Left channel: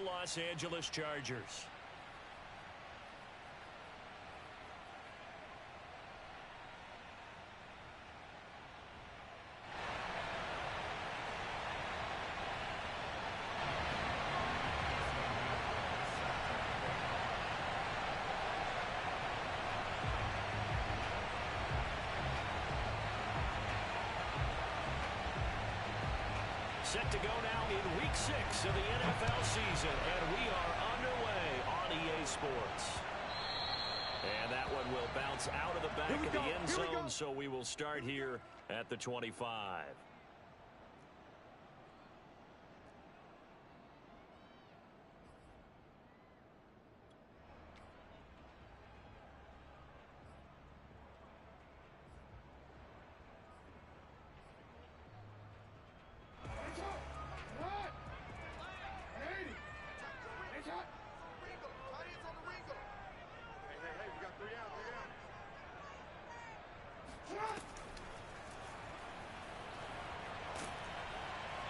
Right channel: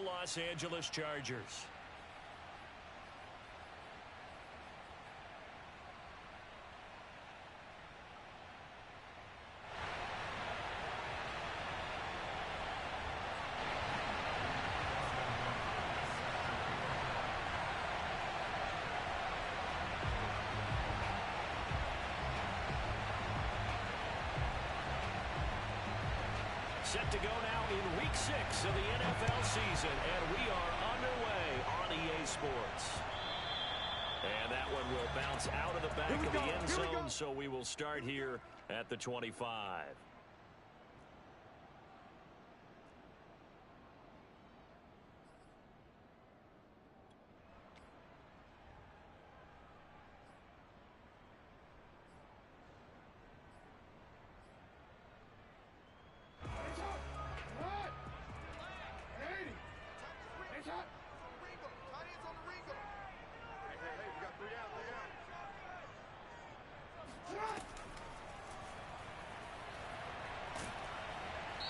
the Los Angeles Chargers. Set to go now in Week 6 of the NFL season, and we are underway on EA Sports. And that one will bounce out of the back of the end zone, so we will start here at the 25.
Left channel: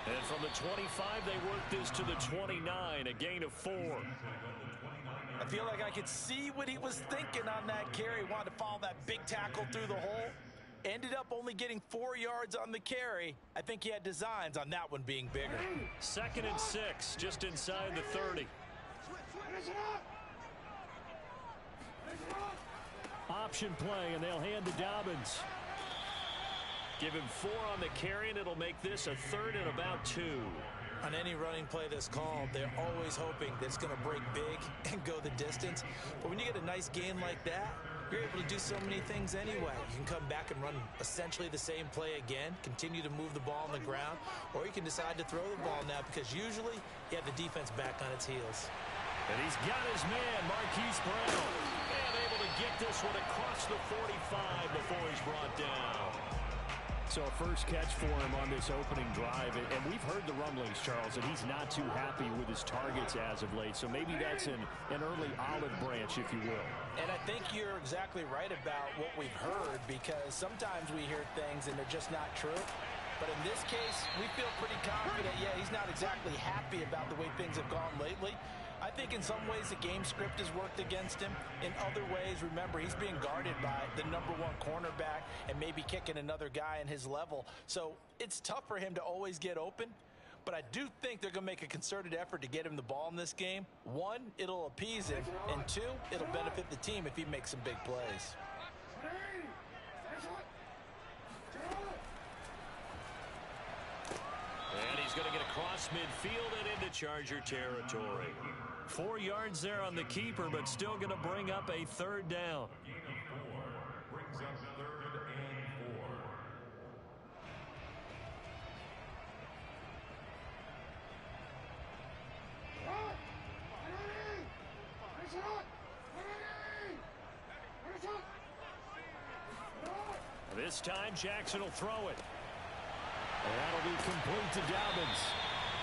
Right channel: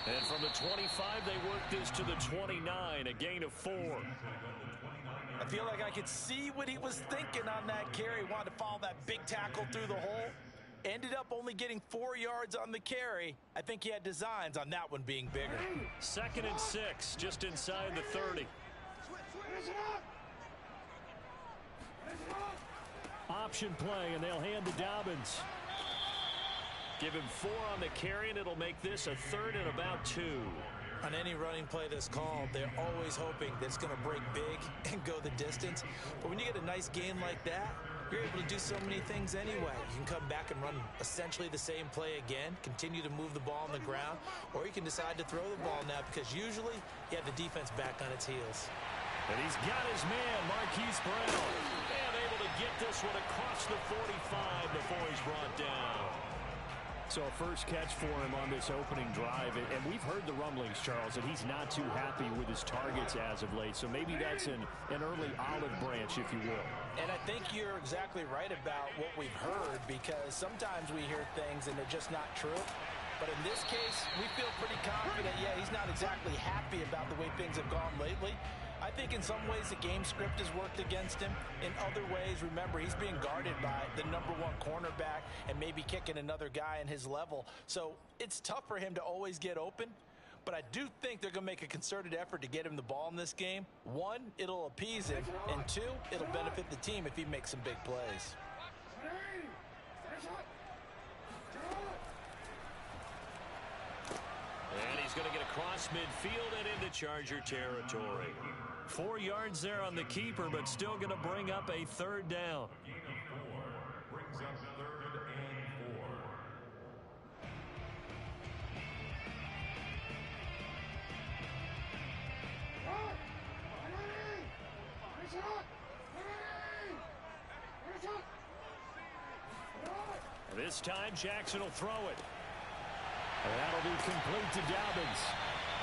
And from the 25, they work this to the 29, a gain of 4. I feel like I could see what he was thinking on that carry. Wanted to follow that big tackle through the hole. Ended up only getting 4 yards on the carry. I think he had designs on that one being bigger. 2nd and 6, just inside the 30. Option play, and they'll hand to Dobbins. Give him 4 on the carry, and it'll make this a 3rd and about 2. On any running play that's called, they're always hoping that it's going to break big and go the distance. But when you get a nice gain like that, you're able to do so many things anyway. You can come back and run essentially the same play again, continue to move the ball on the ground, or you can decide to throw the ball now because usually you have the defense back on its heels. And he's got his man, Marquise Brown. And able to get this one across the 45 before he's brought down. So a first catch for him on this opening drive. And we've heard the rumblings, Charles, that he's not too happy with his targets as of late. So maybe that's an early olive branch, if you will. And I think you're exactly right about what we've heard, because sometimes we hear things and they're just not true. But in this case, we feel pretty confident. Yeah, he's not exactly happy about the way things have gone lately. I think in some ways the game script has worked against him. In other ways, remember, he's being guarded by the #1 cornerback and maybe kicking another guy in his level. So it's tough for him to always get open. But I do think they're going to make a concerted effort to get him the ball in this game. 1, it'll appease him. And 2, it'll benefit the team if he makes some big plays. And he's going to get across midfield and into Charger territory. 4 yards there on the keeper, but still going to bring up a 3rd down. Gain of 4 brings up 3rd and 4. This time, Jackson will throw it. And that'll be complete to Dobbins.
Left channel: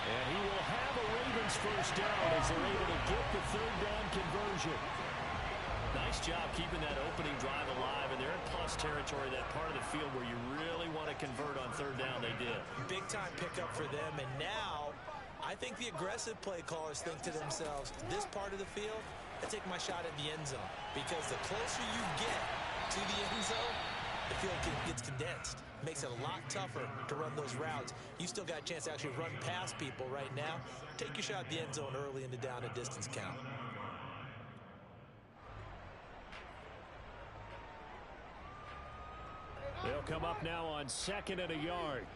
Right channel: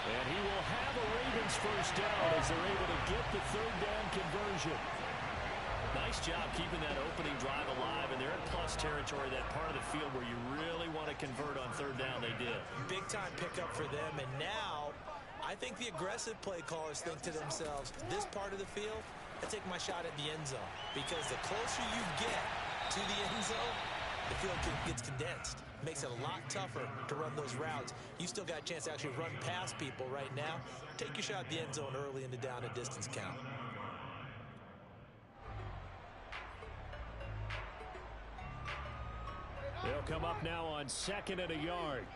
And he will have a Ravens first down as they're able to get the 3rd down conversion. Nice job keeping that opening drive alive, and they're in plus territory, that part of the field where you really want to convert on 3rd down. They did. Big time pickup for them, and now I think the aggressive play callers think to themselves, this part of the field, I take my shot at the end zone, because the closer you get to the end zone, the field gets condensed. Makes it a lot tougher to run those routes. You still got a chance to actually run past people right now. Take your shot at the end zone early in the down and distance count. They'll come up now on 2nd and a yard.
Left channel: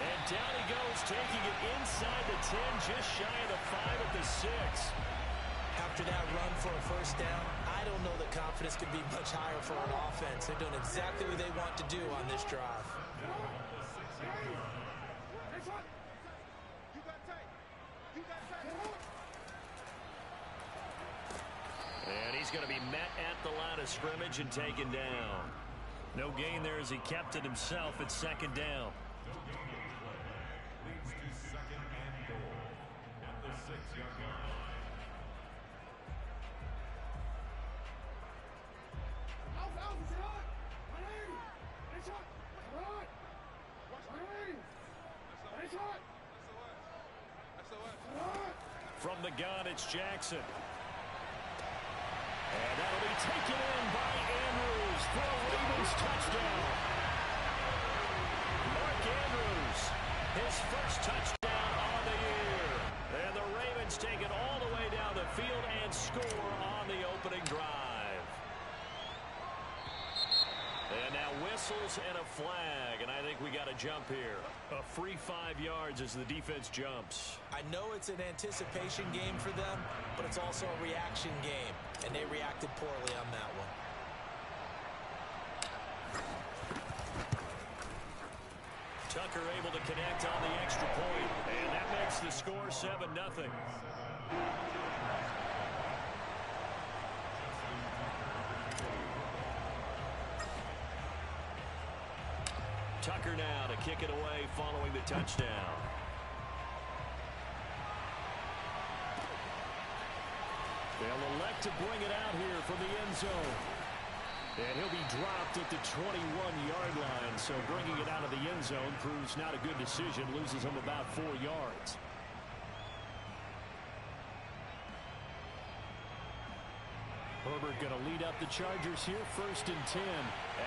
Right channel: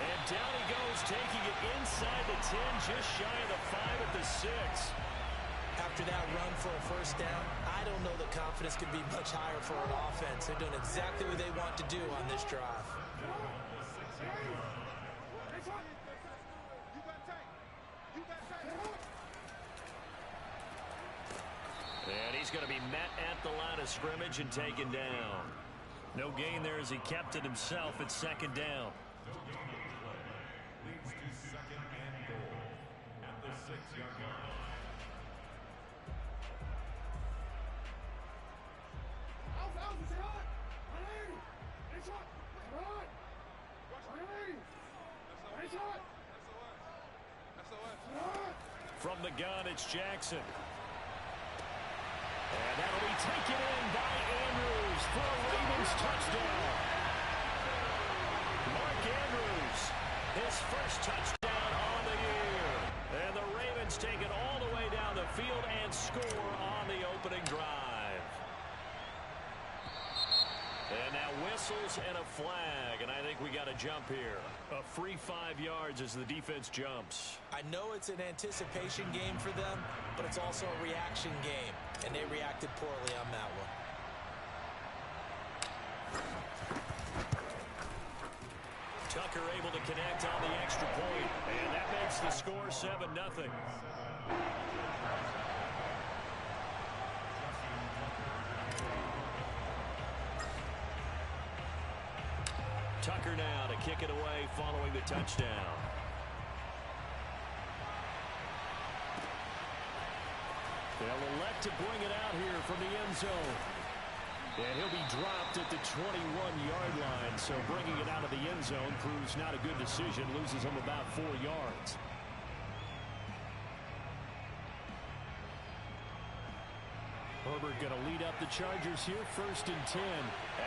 And down he goes, taking it inside the 10, just shy of the 5 at the 6. After that run for a first down, I don't know that confidence could be much higher for an offense. They're doing exactly what they want to do on this drive. And he's going to be met at the line of scrimmage and taken down. No gain there as he kept it himself at 2nd down. leads to 2nd and goal at the 6-yard line. From the gun, it's Jackson. And that'll be taken in by Andrews for a Ravens touchdown. Mark Andrews, his first touchdown on the year. And the Ravens take it all the way down the field and score on the opening drive. And now whistles and a flag, and I think we got a jump here. A free 5 yards as the defense jumps. I know it's an anticipation game for them, but it's also a reaction game, and they reacted poorly on that one. Tucker able to connect on the extra point, and that makes the score 7-0. Tucker now to kick it away following the touchdown. They'll elect to bring it out here from the end zone. And he'll be dropped at the 21-yard line, so bringing it out of the end zone proves not a good decision, loses him about 4 yards. Herbert going to lead up the Chargers here, 1st and 10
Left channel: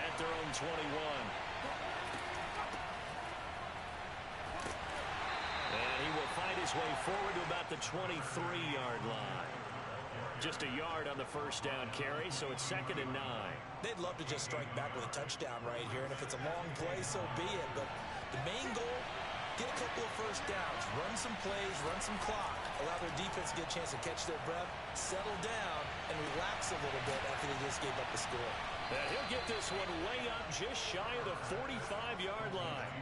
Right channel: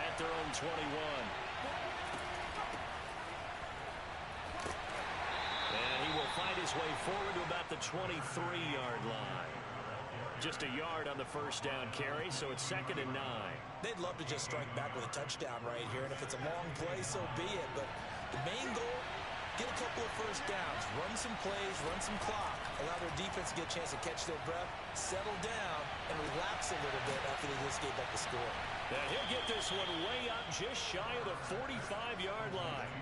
at their own 21. And he will fight his way forward to about the 23-yard line. Just a yard on the first down carry, so it's 2nd and 9. They'd love to just strike back with a touchdown right here, and if it's a long play, so be it. But the main goal, get a couple of first downs, run some plays, run some clock, allow their defense to get a chance to catch their breath, settle down, and relax a little bit after they just gave up the score. And he'll get this one way up just shy of the 45-yard line.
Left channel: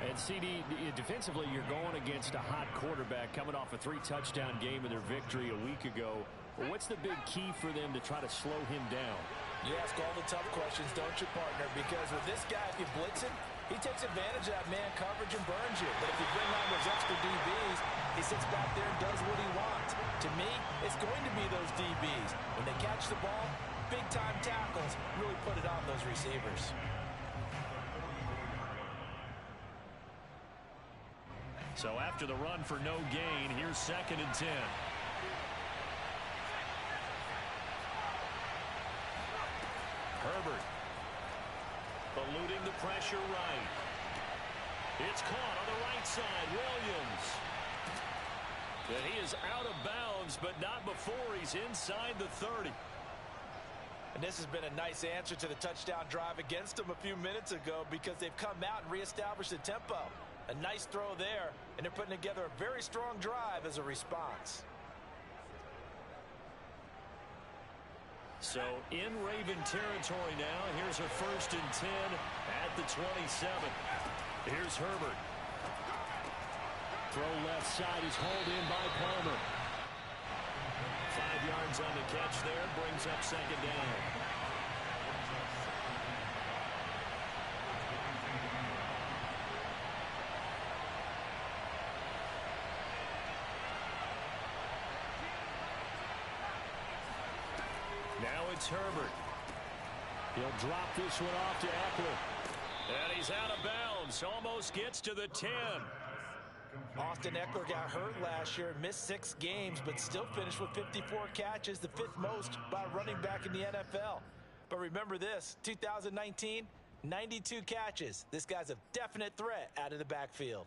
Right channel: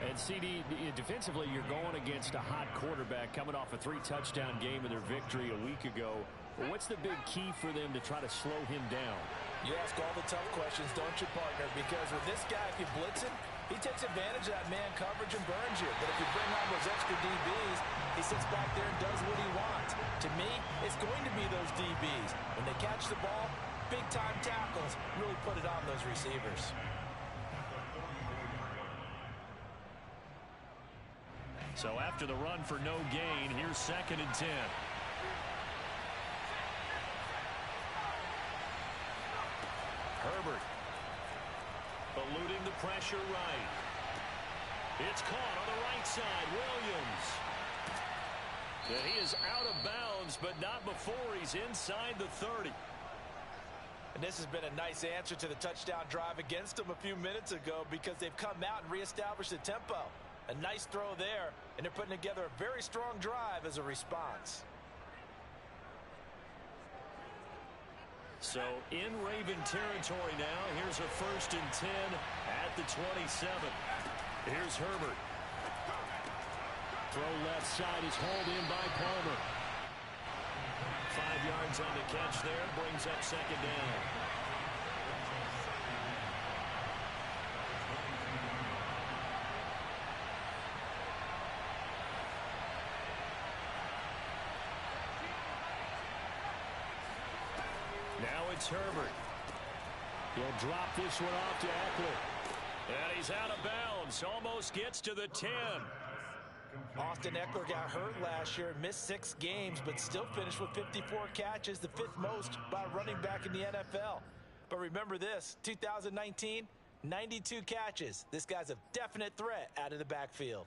And CD, defensively, you're going against a hot quarterback coming off a 3-touchdown game in their victory a week ago. What's the big key for them to try to slow him down? You ask all the tough questions, don't you, partner? Because with this guy, if you blitz him, he takes advantage of that man coverage and burns you. But if you bring on those extra DBs, he sits back there and does what he wants. To me, it's going to be those DBs. When they catch the ball, big-time tackles really put it on those receivers. So after the run for no gain, here's 2nd and 10. Herbert eluding the pressure right. It's caught on the right side. Williams. And he is out of bounds, but not before he's inside the 30. And this has been a nice answer to the touchdown drive against them a few minutes ago because they've come out and reestablished the tempo. A nice throw there, and they're putting together a very strong drive as a response. So in Raven territory now, here's a 1st and 10 at the 27. Here's Herbert. Throw left side is hauled in by Palmer. 5 yards on the catch there, brings up 2nd down. Now it's Herbert. He'll drop this one off to Eckler. And he's out of bounds. Almost gets to the 10. Austin Eckler got hurt last year, missed 6 games, but still finished with 54 catches, the 5th most by a running back in the NFL. But remember this, 2019, 92 catches. This guy's a definite threat out of the backfield.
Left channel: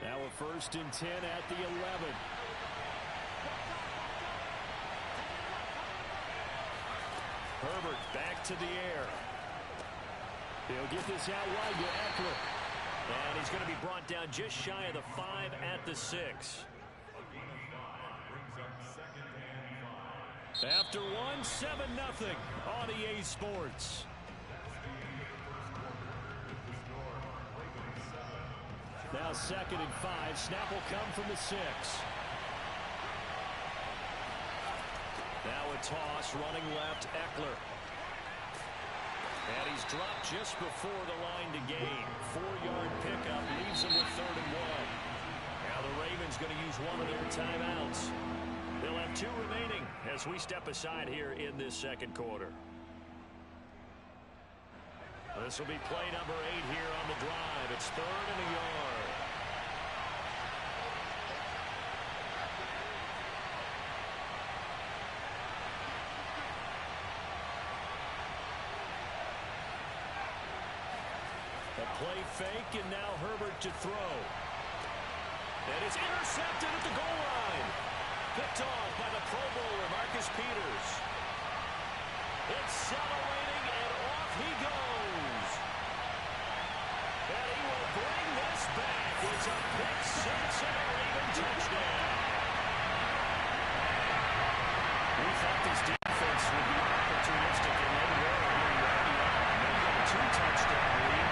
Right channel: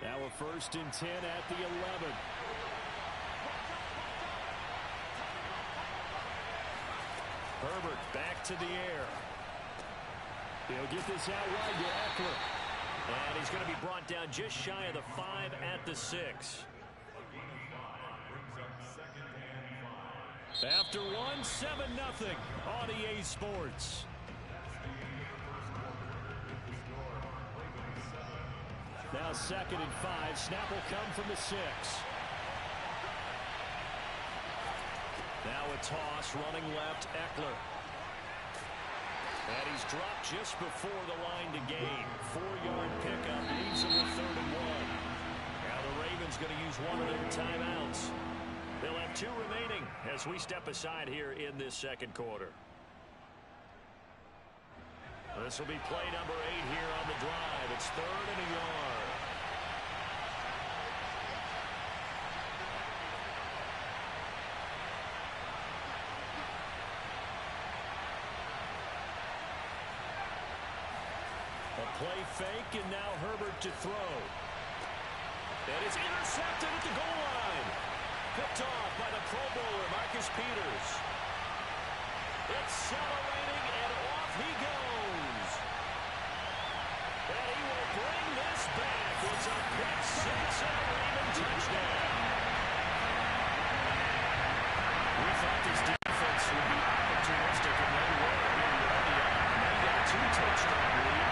Now a 1st and 10 at the 11. Herbert back to the air. He'll get this out wide to Eckler. And he's going to be brought down just shy of the 5 at the 6. After one, 7-0 on EA Sports. Now 2nd and 5. Snap will come from the 6. Now a toss, running left, Eckler. And he's dropped just before the line to gain. 4-yard pickup leaves him with 3rd and 1. Now the Ravens going to use one of their timeouts. They'll have 2 remaining as we step aside here in this 2nd quarter. This will be play number 8 here on the drive. It's 3rd and a yard. Play fake, and now Herbert to throw. And it's intercepted at the goal line. Picked off by the Pro Bowler, Marcus Peters. Accelerating, and off he goes. And he will bring this back. It's a pick six and a Raven touchdown. We thought this defense would be opportunistic, and they were. Here you're already up. Now you got a 2-touchdown lead.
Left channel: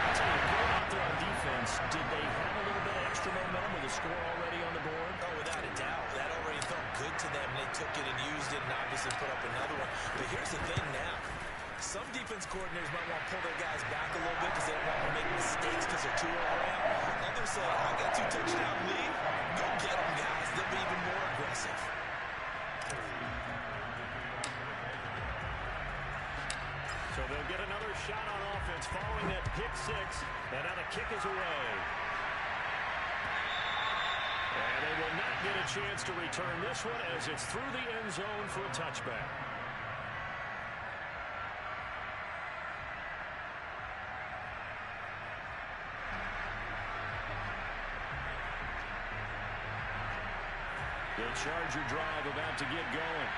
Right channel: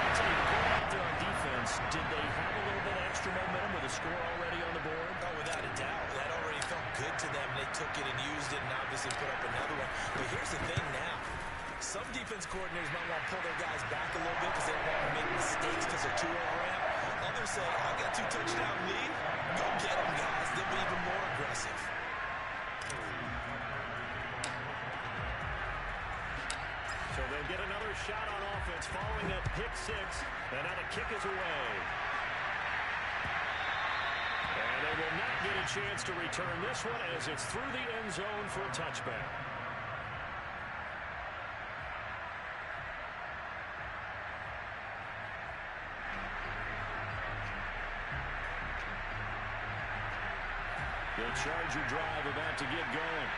I tell you, going out there on defense, did they have a little bit of extra momentum with a score already on the board? Oh, without a doubt. That already felt good to them. They took it and used it and obviously put up another one. But here's the thing now. Some defense coordinators might want to pull their guys back a little bit because they don't want to make mistakes because they're too overamped. Others say, I got 2-touchdown lead. Go get them, guys. They'll be even more aggressive. So they'll get another shot on offense following that pick six. And now the kick is away. And they will not get a chance to return this one as it's through the end zone for a touchback. The Charger drive about to get going.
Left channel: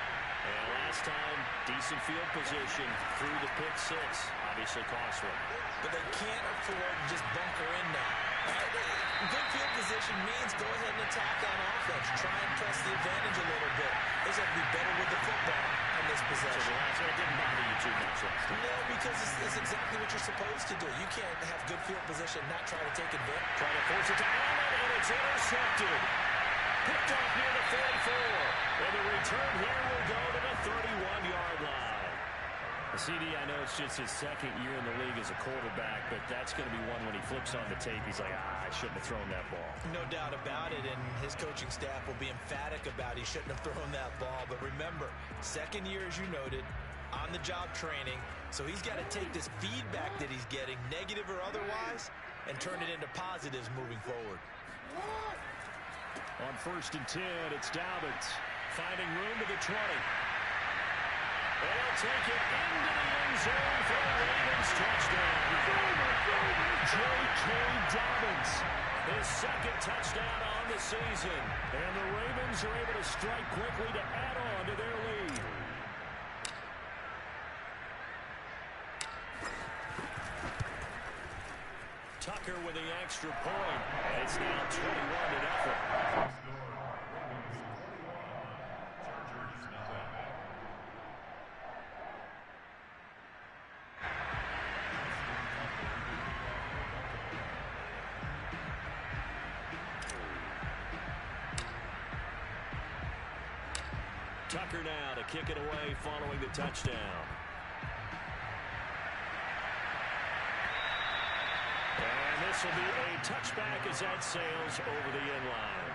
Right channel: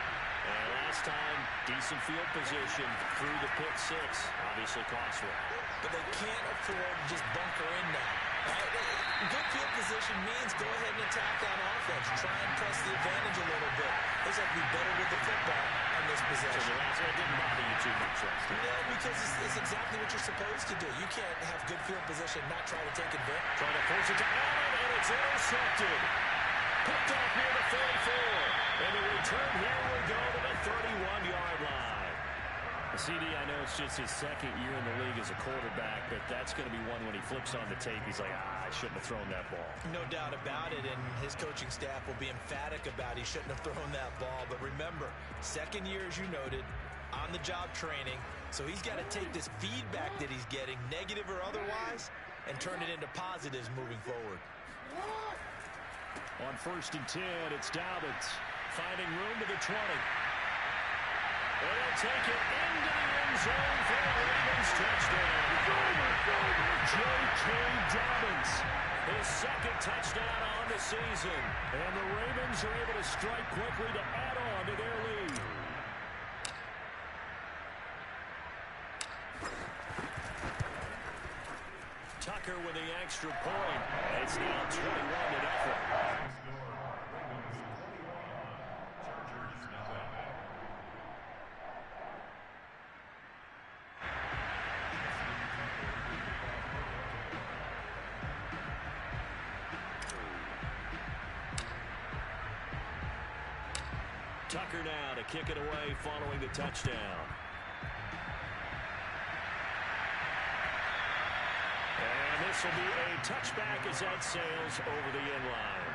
And last time, decent field position through the pick six. Obviously costly. But they can't afford to just bunker in now. Right? Good field position means go ahead and attack on offense. Try and press the advantage a little bit. They just have to be better with the football on this possession. So the last one didn't bother you too much last time. No, because it's exactly what you're supposed to do. You can't have good field position, not try to take advantage. Try to force it to Allen, and it's intercepted. Picked off near the 44. And the return here will go to the 31-yard line. CD, I know it's just his second year in the league as a quarterback, but that's going to be one when he flips on the tape, he's like, I shouldn't have thrown that ball. No doubt about it, and his coaching staff will be emphatic about he shouldn't have thrown that ball. But remember, second year, as you noted, on-the-job training, so he's got to take this feedback that he's getting, negative or otherwise, and turn it into positives moving forward. On 1st and 10, it's Dobbins finding room to the 20. And he'll take it into the end zone for a Ravens touchdown. J.K. Dobbins, his second touchdown on the season. And the Ravens are able to strike quickly to add on to their lead. Tucker with the extra point. And it's now 21-0. Tucker now to kick it away following the touchdown. And this will be a touchback as that sails over the end line.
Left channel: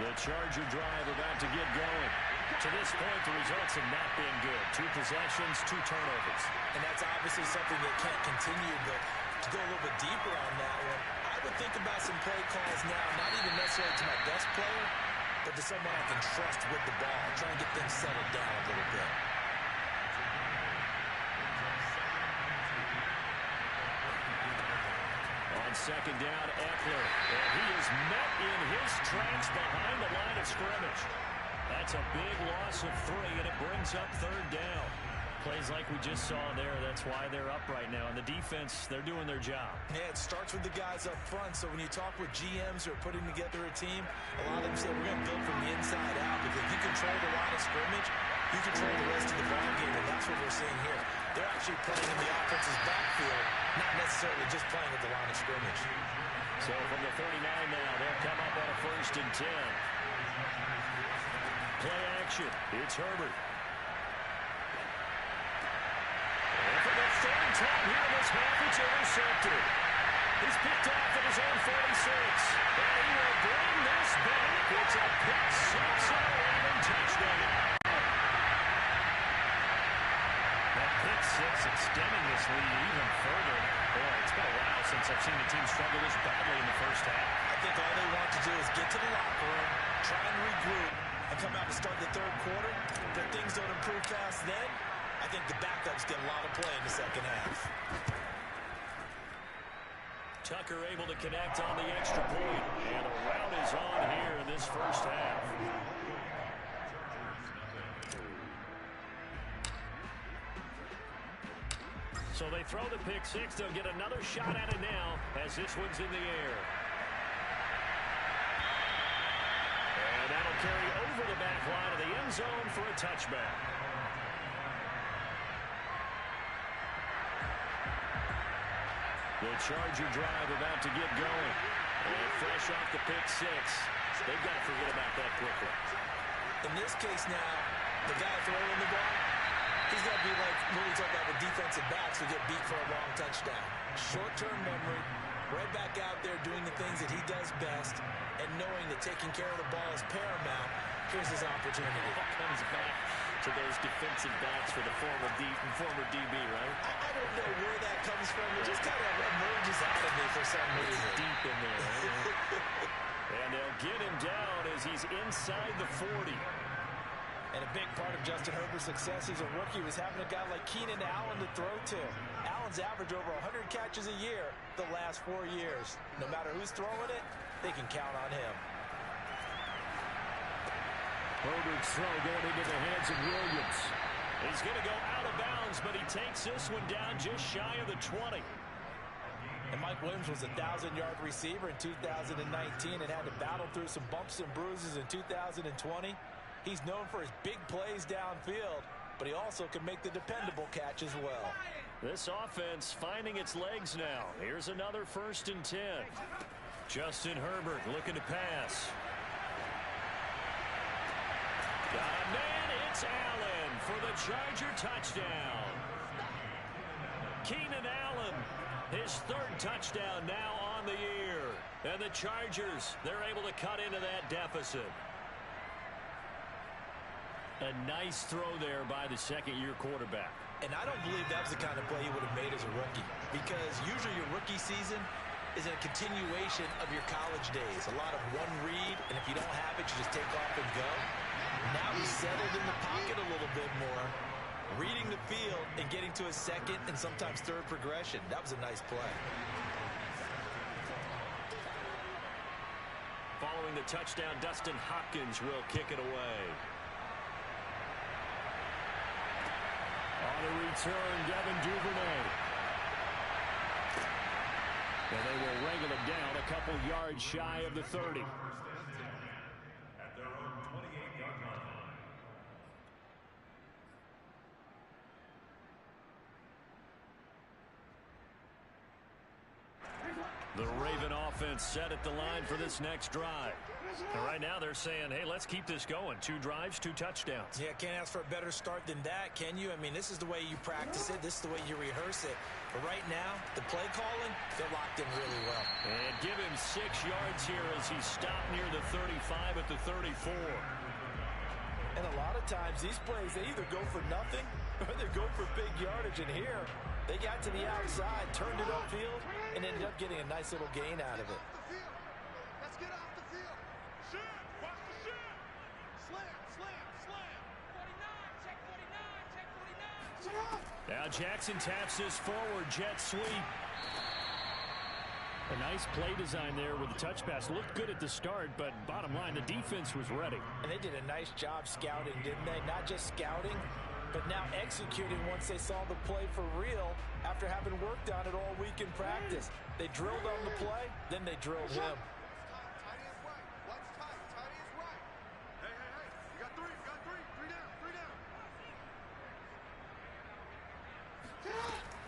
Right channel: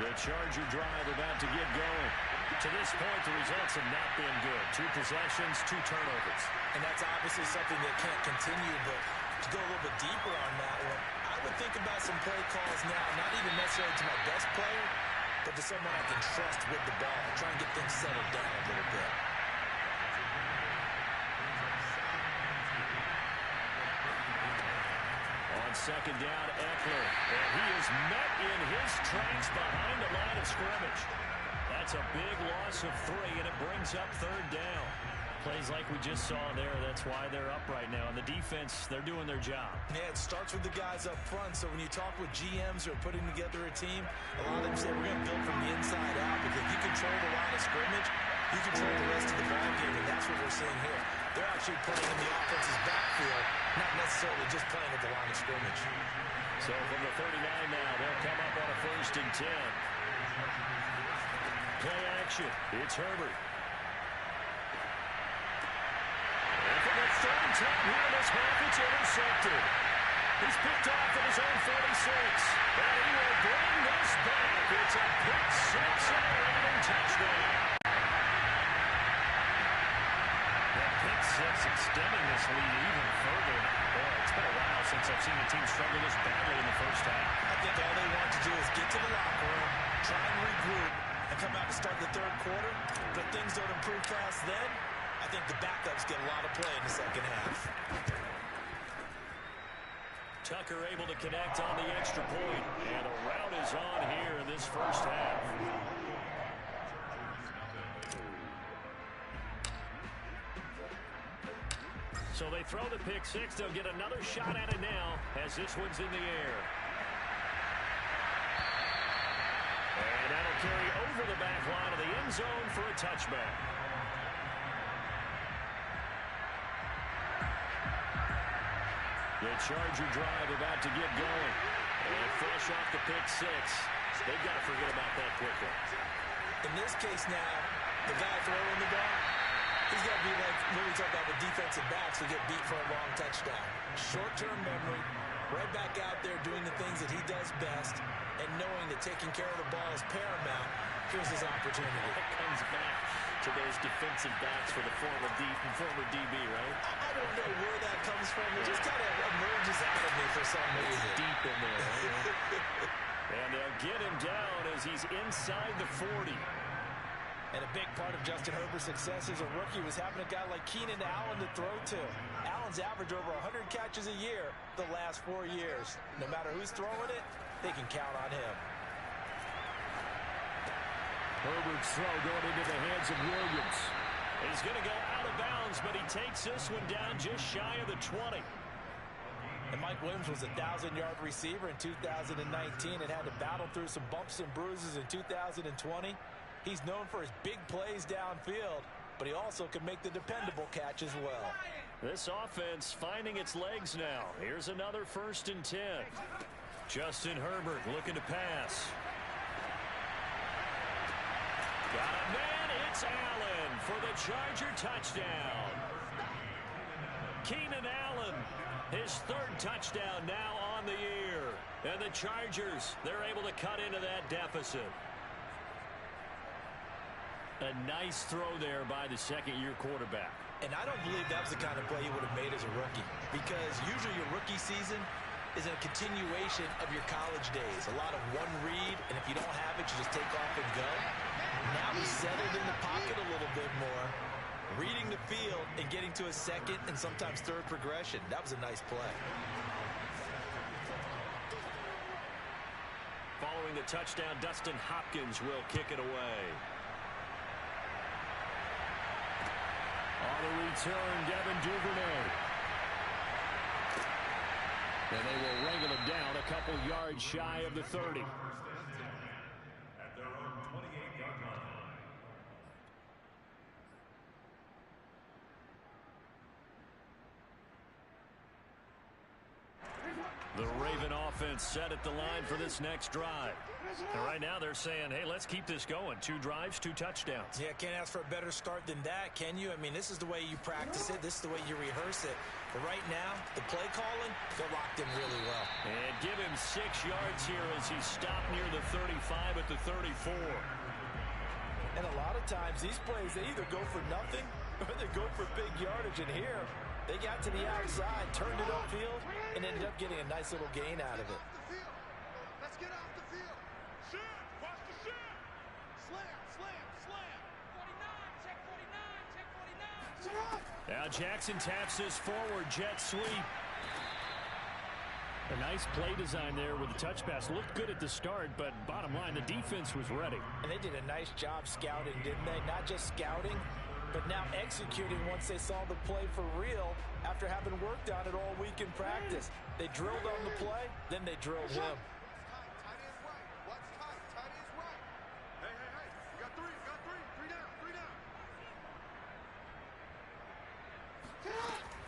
The Charger drive about to get going. To this point, the results have not been good. 2 possessions, 2 turnovers. And that's obviously something that can't continue, but to go a little bit deeper on that one, I would think about some play calls now, not even necessarily to my best player, but to someone I can trust with the ball. Try and get things settled down a little bit. On 2nd down, Eckler, and he is met in his tracks behind the line of scrimmage. That's a big loss of 3, and it brings up 3rd down. Plays like we just saw there, that's why they're up right now. And the defense, they're doing their job. Yeah, it starts with the guys up front. So when you talk with GMs who are putting together a team, a lot of them say we're going to build from the inside out, because if you control the line of scrimmage, you control the rest of the ball game, and that's what we're seeing here. They're actually playing in the offense's backfield, not necessarily just playing at the line of scrimmage. So from the 39 now, they'll come up on a 1st and 10. Play action. It's Herbert. And for the 3rd time here in this half, it's intercepted. He's picked off at his own 46. And he will bring this back. It's a pick 6 and a Raven touchdown. That pick 6 extending this lead even further. Boy, it's been a while since I've seen the team struggle this badly in the first half. I think all they want to do is get to the locker room, try and regroup, and come out to start the third quarter. But things don't improve fast then. I think the backups get a lot of play in the second half. Tucker able to connect on the extra point. And a rout is on here in this first half. So they throw the pick six. They'll get another shot at it now as this one's in the air. And that'll carry over the back line of the end zone for a touchback. The Charger drive about to get going. And fresh off the pick six, they've got to forget about that quickly. In this case now, the guy throwing the ball, he's got to be like what we talk about with defensive backs who get beat for a long touchdown. Short-term memory, right back out there doing the things that he does best, and knowing that taking care of the ball is paramount. Here's his opportunity. It all comes back to those defensive backs for the former DB, right? I don't know where that comes from. It just kind of emerges out of me for some reason. It's deep in there, right? And they'll get him down as he's inside the 40. And a big part of Justin Herbert's success as a rookie was having a guy like Keenan Allen to throw to. Allen's averaged over 100 catches a year the last 4 years. No matter who's throwing it, they can count on him. Herbert's throw going into the hands of Williams. He's going to go out of bounds, but he takes this one down just shy of the 20. And Mike Williams was a 1,000-yard receiver in 2019 and had to battle through some bumps and bruises in 2020. He's known for his big plays downfield, but he also can make the dependable catch as well. This offense finding its legs now. Here's another 1st and 10. Justin Herbert looking to pass. Got a man, it's Allen for the Charger touchdown. Keenan Allen, his 3rd touchdown now on the year. And the Chargers, they're able to cut into that deficit. A nice throw there by the second-year quarterback. And I don't believe that was the kind of play he would have made as a rookie, because usually your rookie season is a continuation of your college days. A lot of one read, and if you don't have it, you just take off and go. Now he's settled in the pocket a little bit more, reading the field and getting to a second and sometimes third progression. That was a nice play. Following the touchdown, Dustin Hopkins will kick it away. On the return, Devin Duvernay. And they will wrangle him down a couple yards shy of the 30. At their own 28-yard line. The Raven offense set at the line for this next drive. And right now they're saying, hey, let's keep this going. 2 drives, 2 touchdowns. Yeah, can't ask for a better start than that, can you? I mean, this is the way you practice it. This is the way you rehearse it. But right now, the play calling, they're locked in really well. And give him 6 yards here as he stopped near the 35 at the 34. And a lot of times, these plays, they either go for nothing or they go for big yardage. And here, they got to the outside, turned it upfield, and ended up getting a nice little gain out of it. Let's get off the field. Shit, watch the shit. Slam, slam, slam. 49, check 49, check 49. Now Jackson taps this forward jet sweep. A nice play design there with the touch pass. Looked good at the start, but bottom line, the defense was ready. And they did a nice job scouting, didn't they? Not just scouting, but now executing once they saw the play for real after having worked on it all week in practice. They drilled on the play, then they drilled him. Tight is right. What's tight? Tight is right. Hey, hey, hey. We got 3. We got 3. 3 down. 3 down.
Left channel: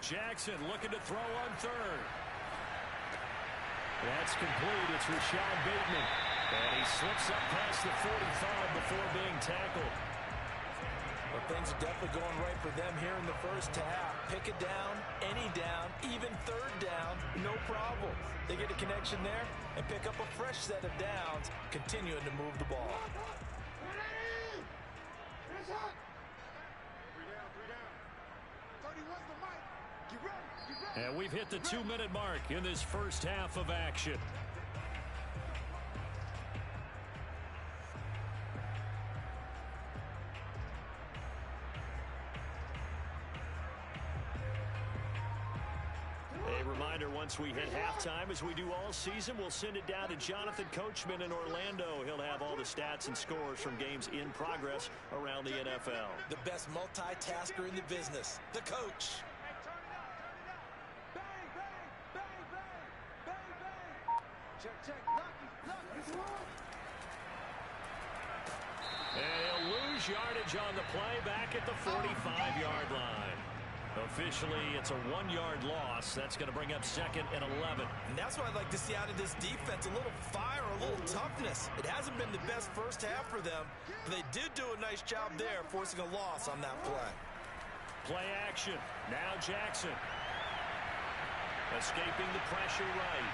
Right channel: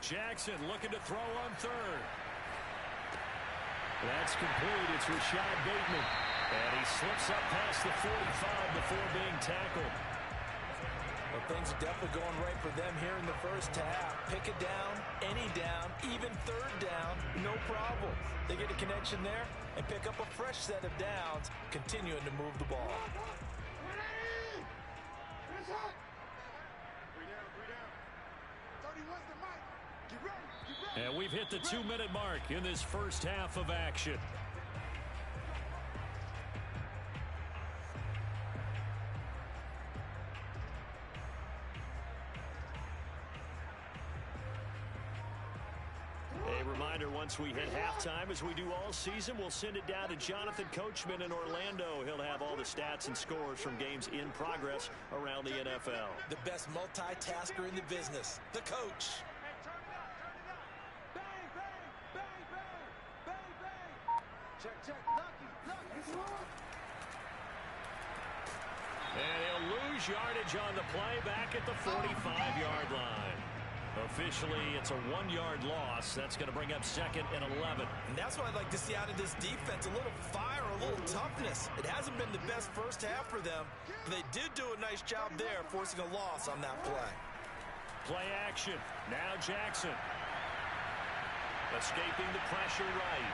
Jackson looking to throw on 3rd. That's complete. It's Rashad Bateman. And he slips up past the 45 before being tackled. Well, things are definitely going right for them here in the first half. Pick it down, any down, even 3rd down, no problem. They get a connection there and pick up a fresh set of downs, continuing to move the ball. 3 down, 3 down. 31's the mic. Get ready. And we've hit the 2-minute mark in this first half of action. A reminder, once we hit halftime, as we do all season, we'll send it down to Jonathan Coachman in Orlando. He'll have all the stats and scores from games in progress around the NFL. The best multitasker in the business, the coach. Hey, turn it up, turn it up. Bang, bang, bang, bang, bang, bang. Check, lucky. And he'll lose yardage on the play back at the 45-yard line. Officially, it's a 1-yard loss. That's going to bring up 2nd and 11. And that's what I'd like to see out of this defense, a little fire, a little toughness. It hasn't been the best first half for them, but they did do a nice job there, forcing a loss on that play. Play action. Now Jackson. Escaping the pressure right.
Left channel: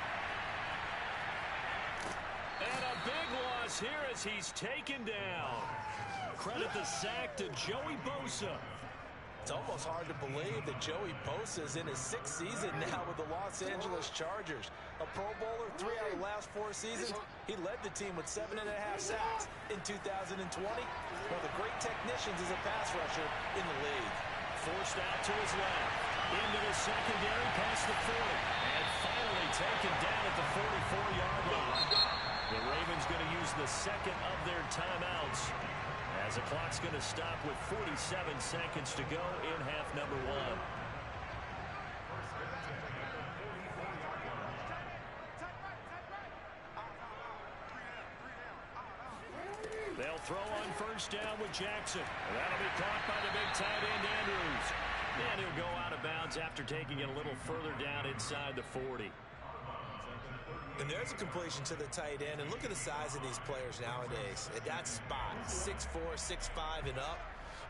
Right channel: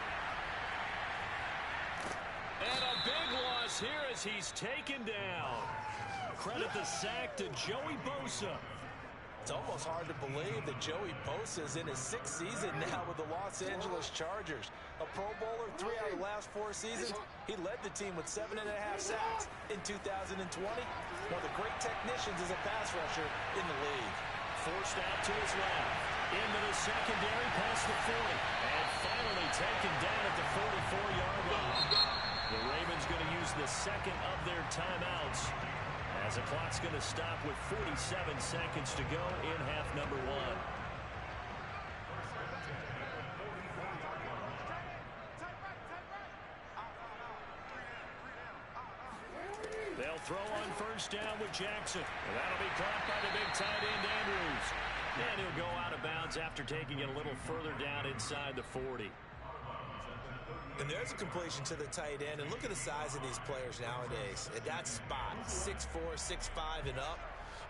And a big loss here as he's taken down. Credit the sack to Joey Bosa. It's almost hard to believe that Joey Bosa is in his 6th season now with the Los Angeles Chargers. A Pro Bowler 3 out of the last 4 seasons. He led the team with 7.5 sacks in 2020. One of the great technicians as a pass rusher in the league. Forced out to his left. Into the secondary past the 40. And finally taken down at the 44-yard line. The Ravens going to use the second of their timeouts, as the clock's going to stop with 47 seconds to go in half number 1. They'll throw on first down with Jackson. And that'll be caught by the big tight end, Andrews. And he'll go out of bounds after taking it a little further down inside the 40. And there's a completion to the tight end. And look at the size of these players nowadays. At that spot, 6'4", 6'5", and up.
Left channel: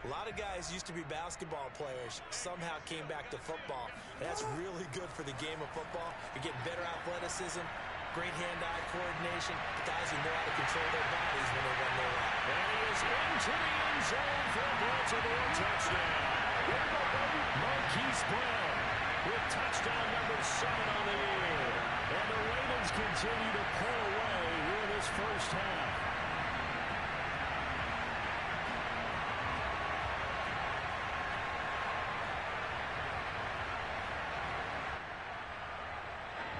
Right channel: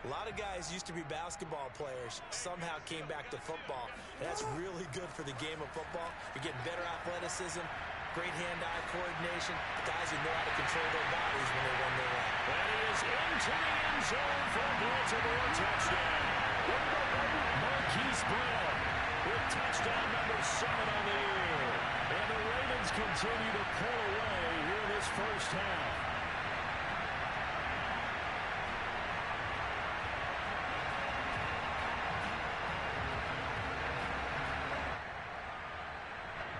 A lot of guys used to be basketball players, somehow came back to football. And that's really good for the game of football. You're getting better athleticism, great hand-eye coordination. The guys who know how to control their bodies when they run their route. And he is into the end zone for a Baltimore touchdown. Marquise Brown with touchdown number 7 on the year. And the Ravens continue to pull away here in this first half.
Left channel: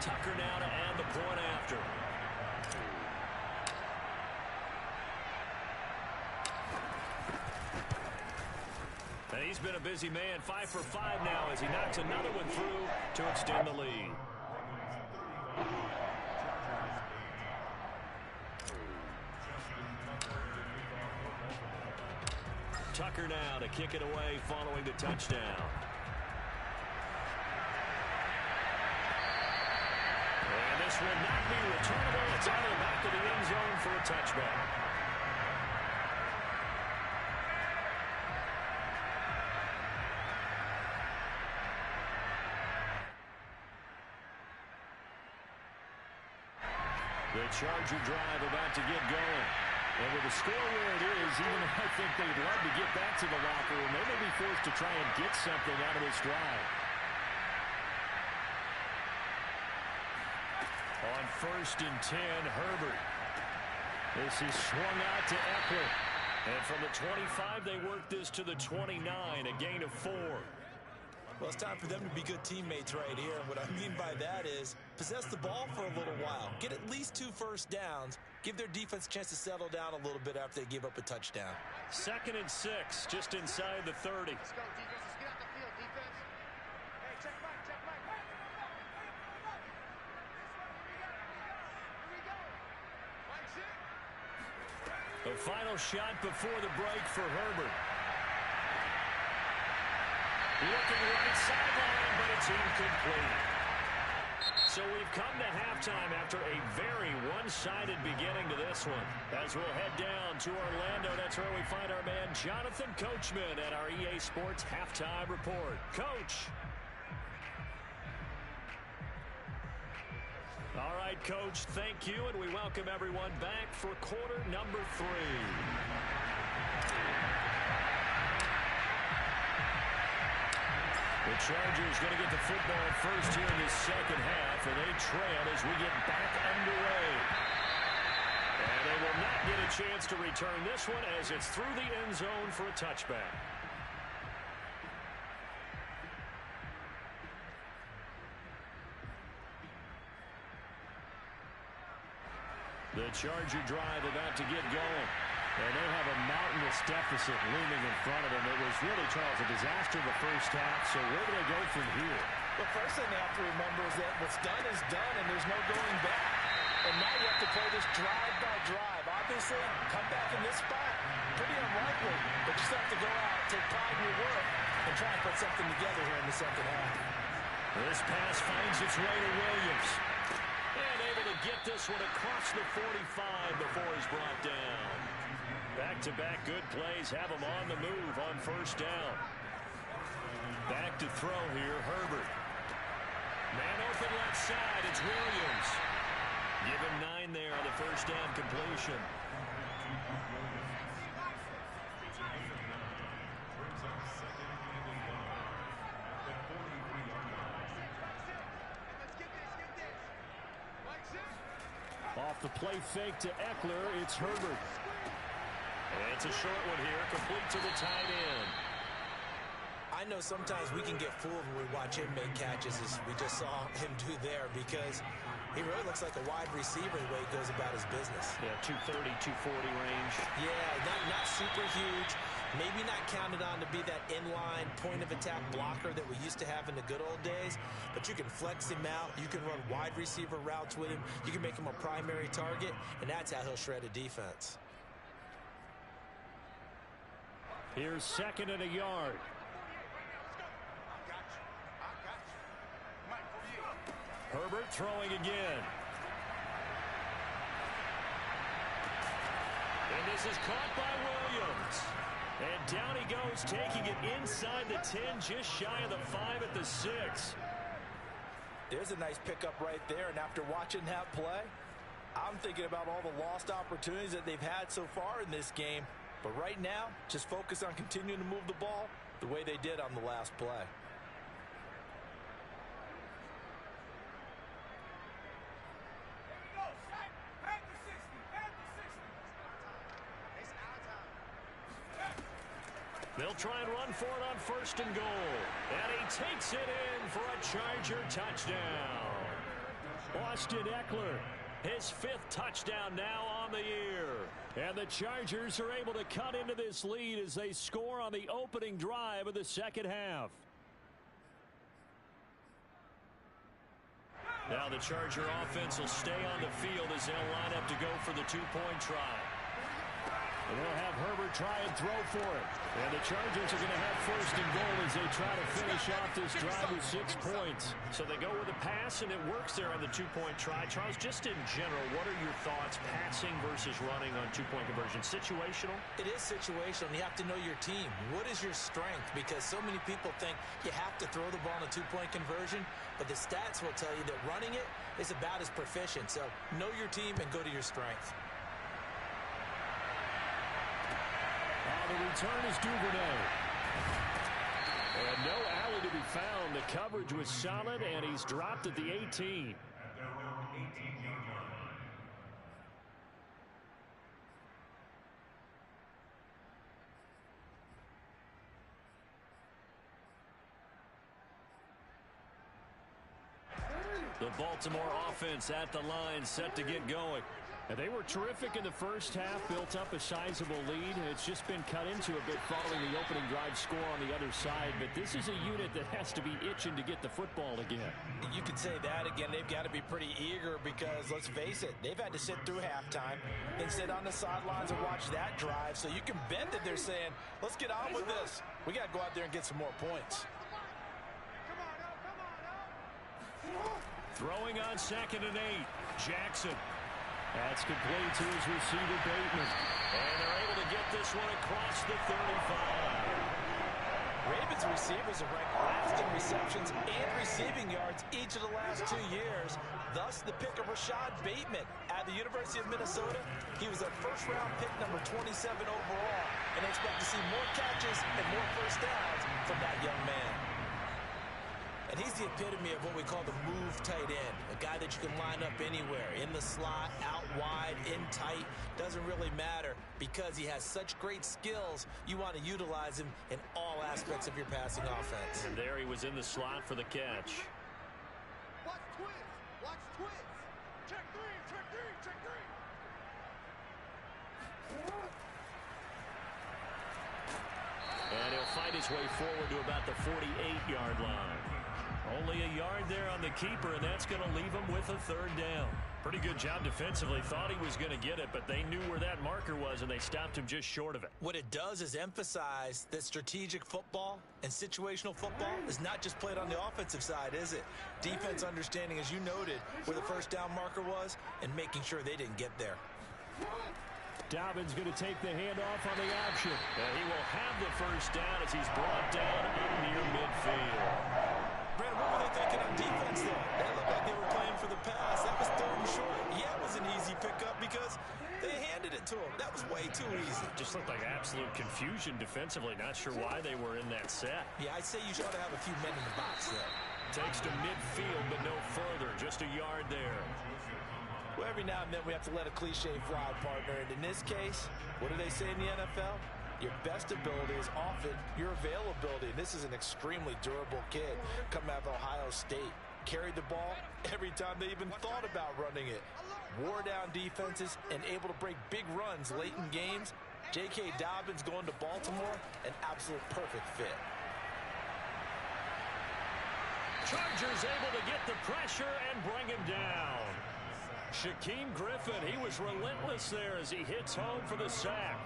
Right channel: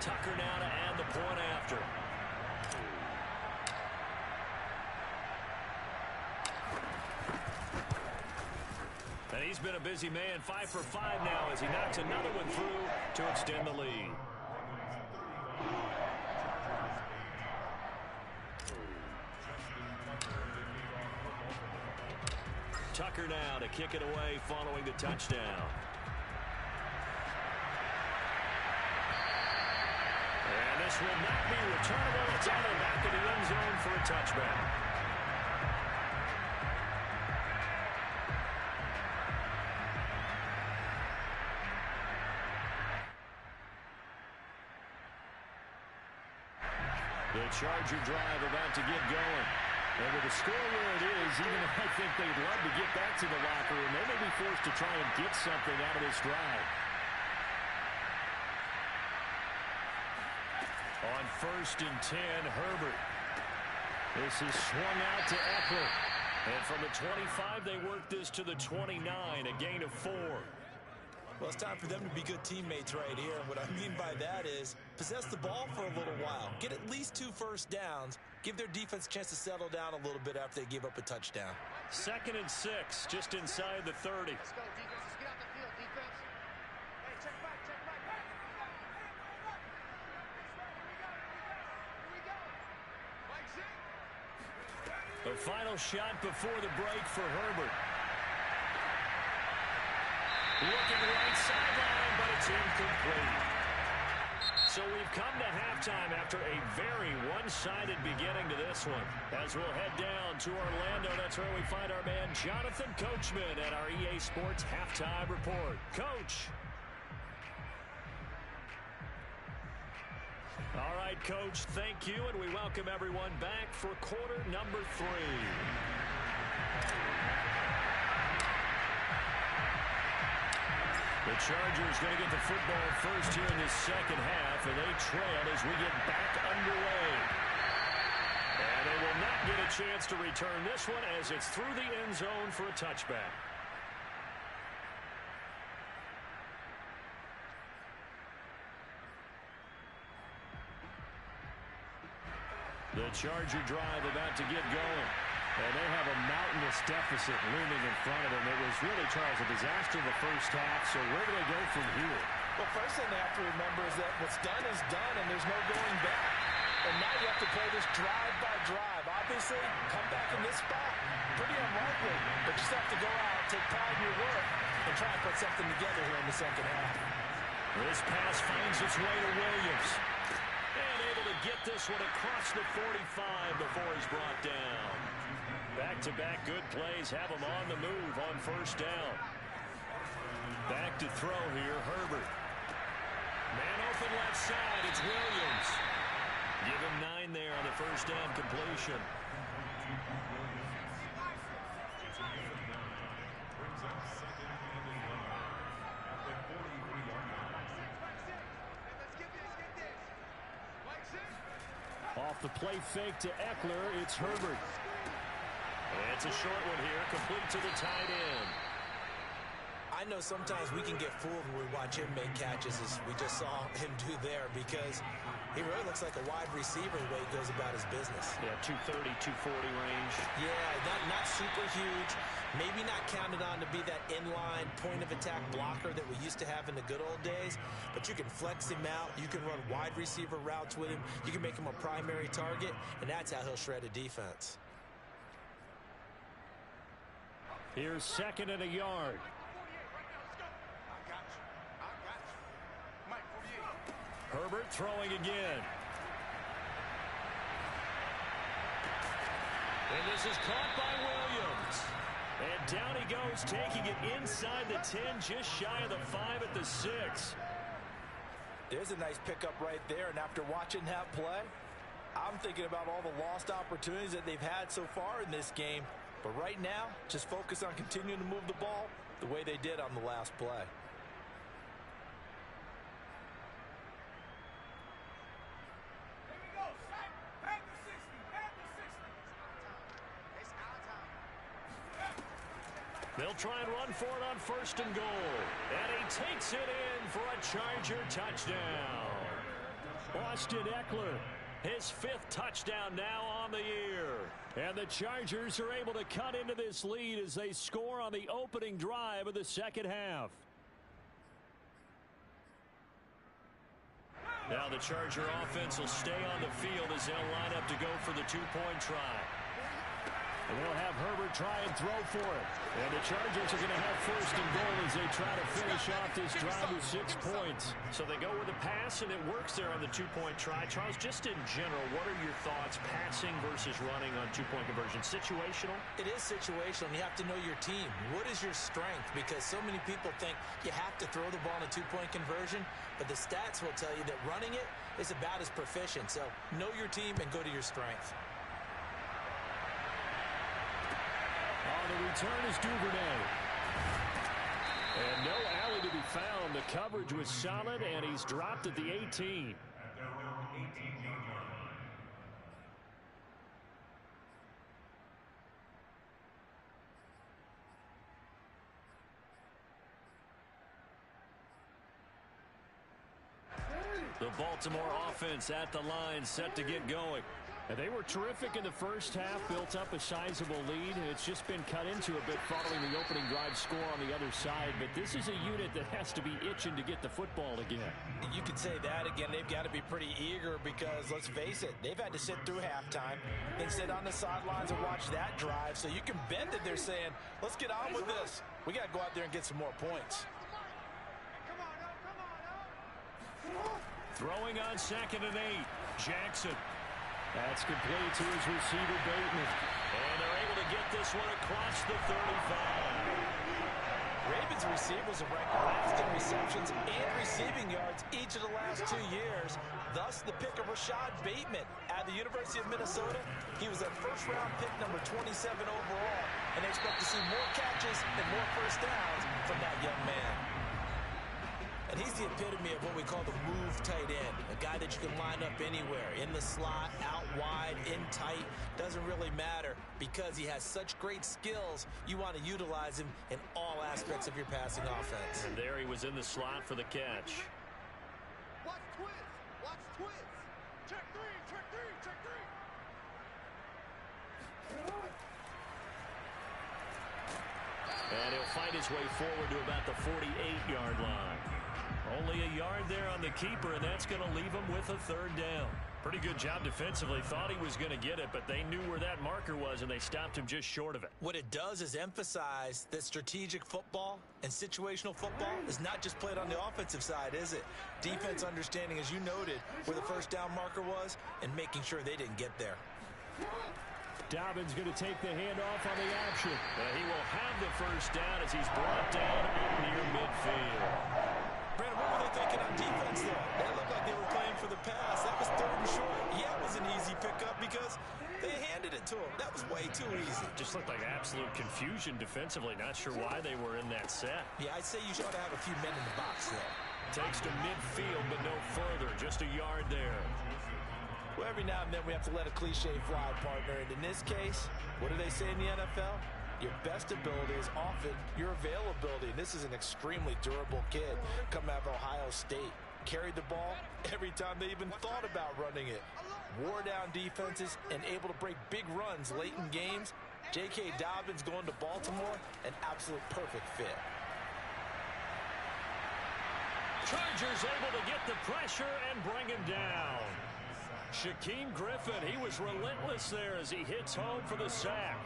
Tucker now to add the point after. And he's been a busy man, 5 for 5 now as he knocks another one through to extend the lead. Tucker now to kick it away following the touchdown. And this will not be returnable. It's out of the back of the end zone for a touchback. The Charger drive about to get going. And with the score where it is, even though I think they'd love to get back to the locker room, they may be forced to try and get something out of this drive. On 1st and 10, Herbert. This is swung out to Eckler. And from the 25, they work this to the 29, a gain of 4. Well, it's time for them to be good teammates right here. What I mean by that is possess the ball for a little while. Get at least 2 first downs. Give their defense a chance to settle down a little bit after they give up a touchdown. 2nd and 6, just inside the 30. Let's go, defense. Let's get out the field, defense. Hey, check back, check back. Hey, here we go. Mike's in. The final shot before the break for Herbert. Looking right sideline, but it's incomplete. So we've come to halftime after a very one-sided beginning to this one. As we'll head down to Orlando, that's where we find our man Jonathan Coachman at our EA Sports Halftime Report. Coach. All right, Coach, thank you, and we welcome everyone back for quarter number 3. The Chargers going to get the football first here in this second half, and they trail as we get back underway. And they will not get a chance to return this one as it's through the end zone for a touchback. The Charger drive about to get going. And they have a mountainous deficit looming in front of them. It was really, Charles, a disaster in the first half. So where do they go from here? Well, first thing they have to remember is that what's done is done, and there's no going back. And now you have to play this drive by drive. Obviously, come back in this spot, pretty unlikely. But you just have to go out, take pride in your work, and try and put something together here in the second half. This pass finds its way to Williams. And able to get this one across the 45 before he's brought down. Back-to-back good plays have him on the move on first down. Back to throw here, Herbert. Man open left side, it's Williams. Give him 9 there on the first down completion. Brings up second and 1 at the 43-yard line. Off the play fake to Eckler, it's Herbert. And it's a short one here, complete to the tight end. I know sometimes we can get fooled when we watch him make catches, as we just saw him do there, because he really looks like a wide receiver the way he goes about his business. Yeah, 230, 240 range. Yeah, not super huge. Maybe not counted on to be that inline point-of-attack blocker that we used to have in the good old days, but you can flex him out. You can run wide receiver routes with him. You can make him a primary target, and that's how he'll shred a defense. Here's second and a yard. Herbert throwing again. And this is caught by Williams. And down he goes, taking it inside the 10, just shy of the 5 at the 6. There's a nice pickup right there, and after watching that play, I'm thinking about all the lost opportunities that they've had so far in this game. But right now, just focus on continuing to move the ball the way they did on the last play. They'll try and run for it on first and goal. And he takes it in for a Charger touchdown. Austin Eckler, his 5th touchdown now on the year. And the Chargers are able to cut into this lead as they score on the opening drive of the second half. Now the Charger offense will stay on the field as they'll line up to go for the 2-point try. And they'll have Herbert try and throw for it. And the Chargers are going to have first and goal as they try to finish off this drive with 6 points. So they go with a pass, and it works there on the 2-point try. Charles, just in general, what are your thoughts passing versus running on 2-point conversion? Situational? It is situational, and you have to know your team. What is your strength? Because so many people think you have to throw the ball in a 2-point conversion, but the stats will tell you that running it is about as proficient. So know your team and go to your strength. The return is Duvernay. And no alley to be found. The coverage was solid, and he's dropped at the 18. At their own 18-yard line. The Baltimore offense at the line, set to get going. And they were terrific in the first half, built up a sizable lead, and it's just been cut into a bit following the opening drive score on the other side. But this is a unit that has to be itching to get the football again. You could say that again. They've got to be pretty eager because, let's face it, they've had to sit through halftime and sit on the sidelines and watch that drive. So you can bet that they're saying, let's get on with this. We got to go out there and get some more points. Throwing on second and 8, Jackson. That's complete to his receiver, Bateman. And they're able to get this one across the 35. Ravens receivers have ranked last in receptions and receiving yards each of the last 2 years. Thus, the pick of Rashad Bateman at the University of Minnesota. He was a first-round pick, number 27 overall, and they expect to see more catches and more first downs from that young man. And he's the epitome of what we call the move tight end, a guy that you can line up anywhere, in the slot, out wide, in tight, doesn't really matter because he has such great skills. You want to utilize him in all aspects of your passing offense. And there he was in the slot for the catch. Watch twist. Watch twist. Check three. Check three. Check three. And he'll fight his way forward to about the 48-yard line. Only a yard there on the keeper, and that's going to leave him with a third down. Pretty good job defensively. Thought he was going to get it, but they knew where that marker was, and they stopped him just short of it. What it does is emphasize that strategic football and situational football is not just played on the offensive side, is it? Defense understanding, as you noted, where the first down marker was and making sure they didn't get there. Dobbins going to take the handoff on the option. He will have the first down as he's brought down up near midfield. Brandon, what were they thinking on defense there? That looked like they were playing for the pass. That was third and short. Yeah, it was an easy pickup because they handed it to him. That was way too easy. Just looked like absolute confusion defensively. Not sure why they were in that set. Yeah, I'd say you ought to have a few men in the box there. Takes to midfield, but no further. Just a yard there. Well, every now and then we have to let a cliche fly, partner. And in this case, what do they say in the NFL? Your best ability is often your availability. And this is an extremely durable kid coming out of Ohio State. Carried the ball every time they even thought about running it. Wore down defenses and able to break big runs late in games. J.K. Dobbins going to Baltimore, an absolute perfect fit. Chargers able to get the pressure and bring him down. Shaquem Griffin, he was relentless there as he hits home for the sack.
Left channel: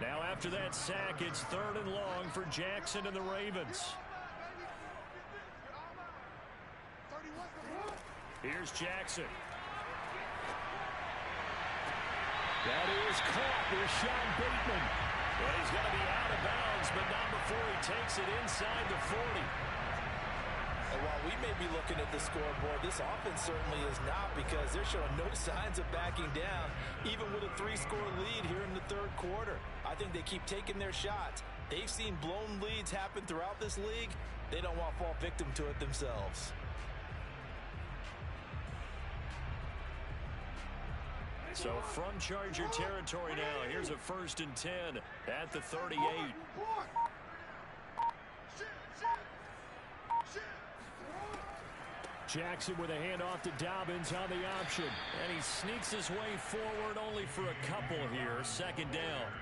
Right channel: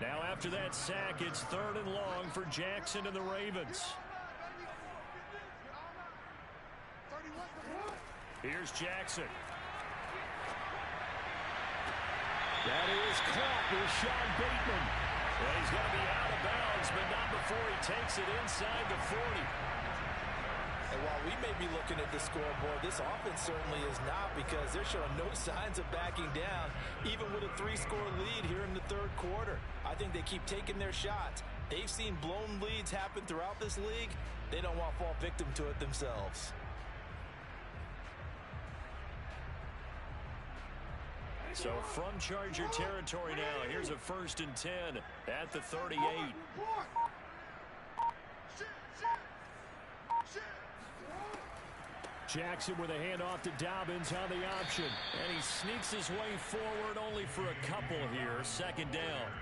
Now after that sack, it's third and long for Jackson and the Ravens. Here's Jackson. That is caught with Sean Bateman. And he's going to be out of bounds, but not before he takes it inside the 40. And while we may be looking at the scoreboard, this offense certainly is not, because they're showing no signs of backing down, even with a 3-score lead here in the third quarter. I think they keep taking their shots. They've seen blown leads happen throughout this league. They don't want to fall victim to it themselves. So from Charger territory now, here's a 1st and 10 at the 38. Jackson with a handoff to Dobbins on the option. And he sneaks his way forward only for a couple here. 2nd down.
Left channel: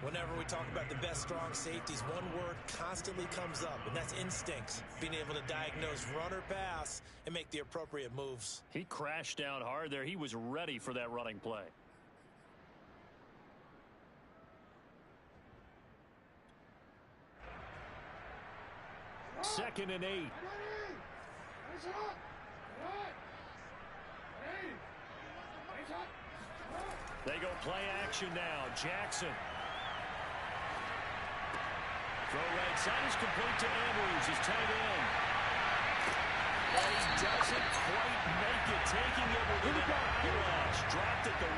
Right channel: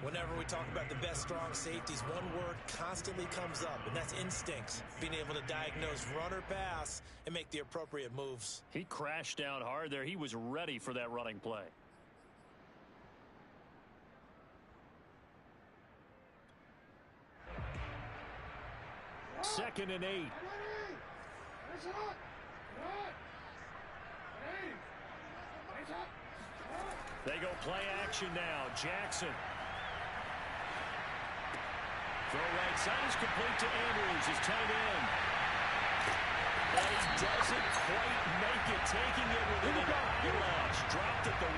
Whenever we talk about the best strong safeties, one word constantly comes up, and that's instincts. Being able to diagnose run or pass and make the appropriate moves. He crashed down hard there. He was ready for that running play. Second and 8. They go play action now. Jackson. Throw right side is complete to Andrews, his tight end. And he doesn't quite make it, taking it within an eyelash. Dropped at the 1.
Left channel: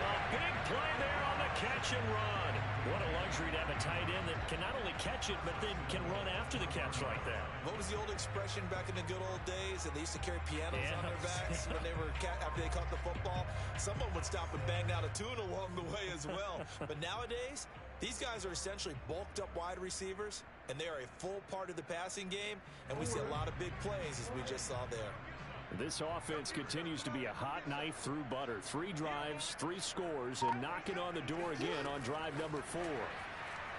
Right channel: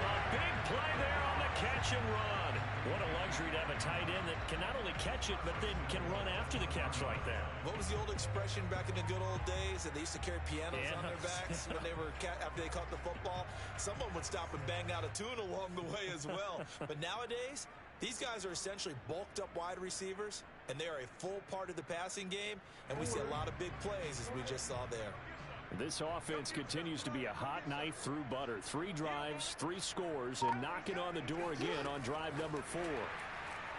A big play there on the catch and run. What a luxury to have a tight end that can not only catch it, but then can run after the catch like that. What was the old expression back in the good old days? And they used to carry pianos on their backs when they were after they caught the football. Someone would stop and bang out a tune along the way as well. But nowadays, these guys are essentially bulked up wide receivers, and they are a full part of the passing game, and we see a lot of big plays as we just saw there. This offense continues to be a hot knife through butter. 3 drives, 3 scores, and knocking on the door again on drive number 4.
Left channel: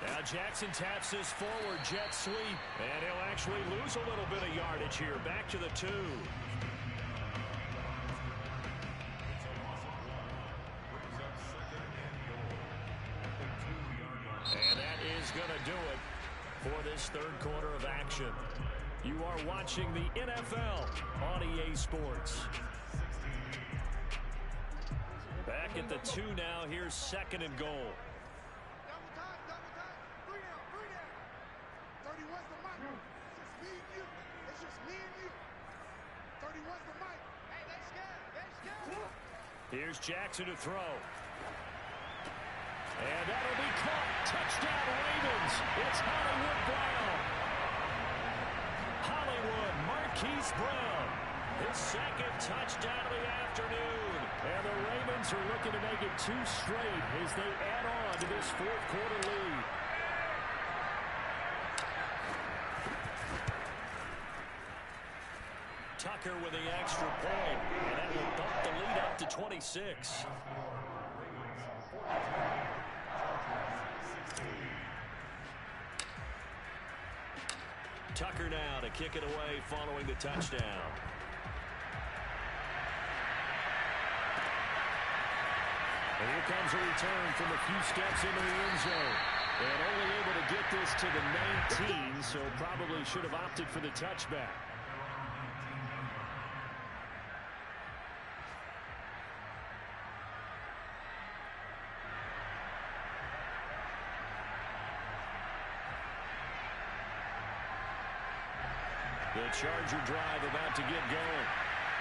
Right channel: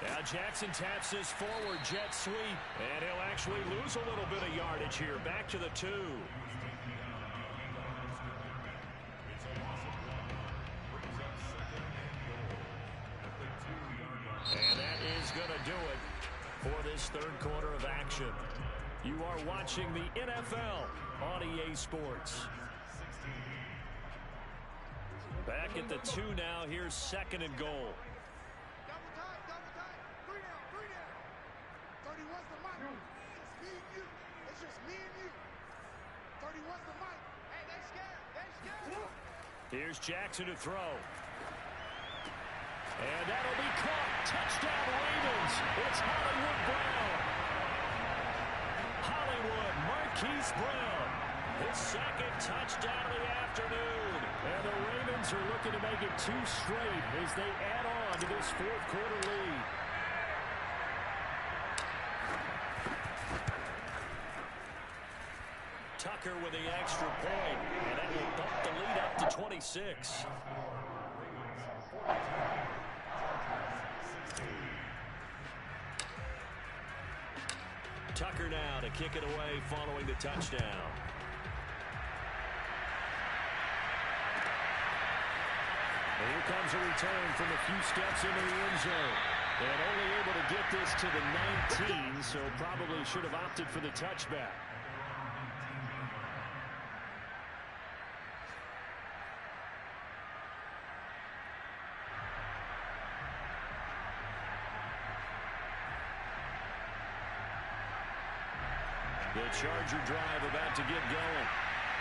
Now Jackson taps this forward jet sweep, and he'll actually lose a little bit of yardage here. Back to the 2. And that is going to do it for this third quarter of action. You are watching the NFL on EA Sports. Back at the 2 now. Here's 2nd and goal. Double time, double time. 3 down, 3 down. 31's the mic. It's just me and you. It's just me and you. 31's the mic. Hey, they scared. They scared. Here's Jackson to throw. And that'll be caught. Touchdown Ravens. It's Hollywood Brown. Marquise Brown, his second touchdown of the afternoon. And the Ravens are looking to make it 2 straight as they add on to this fourth quarter lead. Tucker with the extra point, and that will bump the lead up to 26. Tucker now to kick it away following the touchdown. And here comes a return from a few steps into the end zone. And only able to get this to the 19, so probably should have opted for the touchback. The Charger drive about to get going.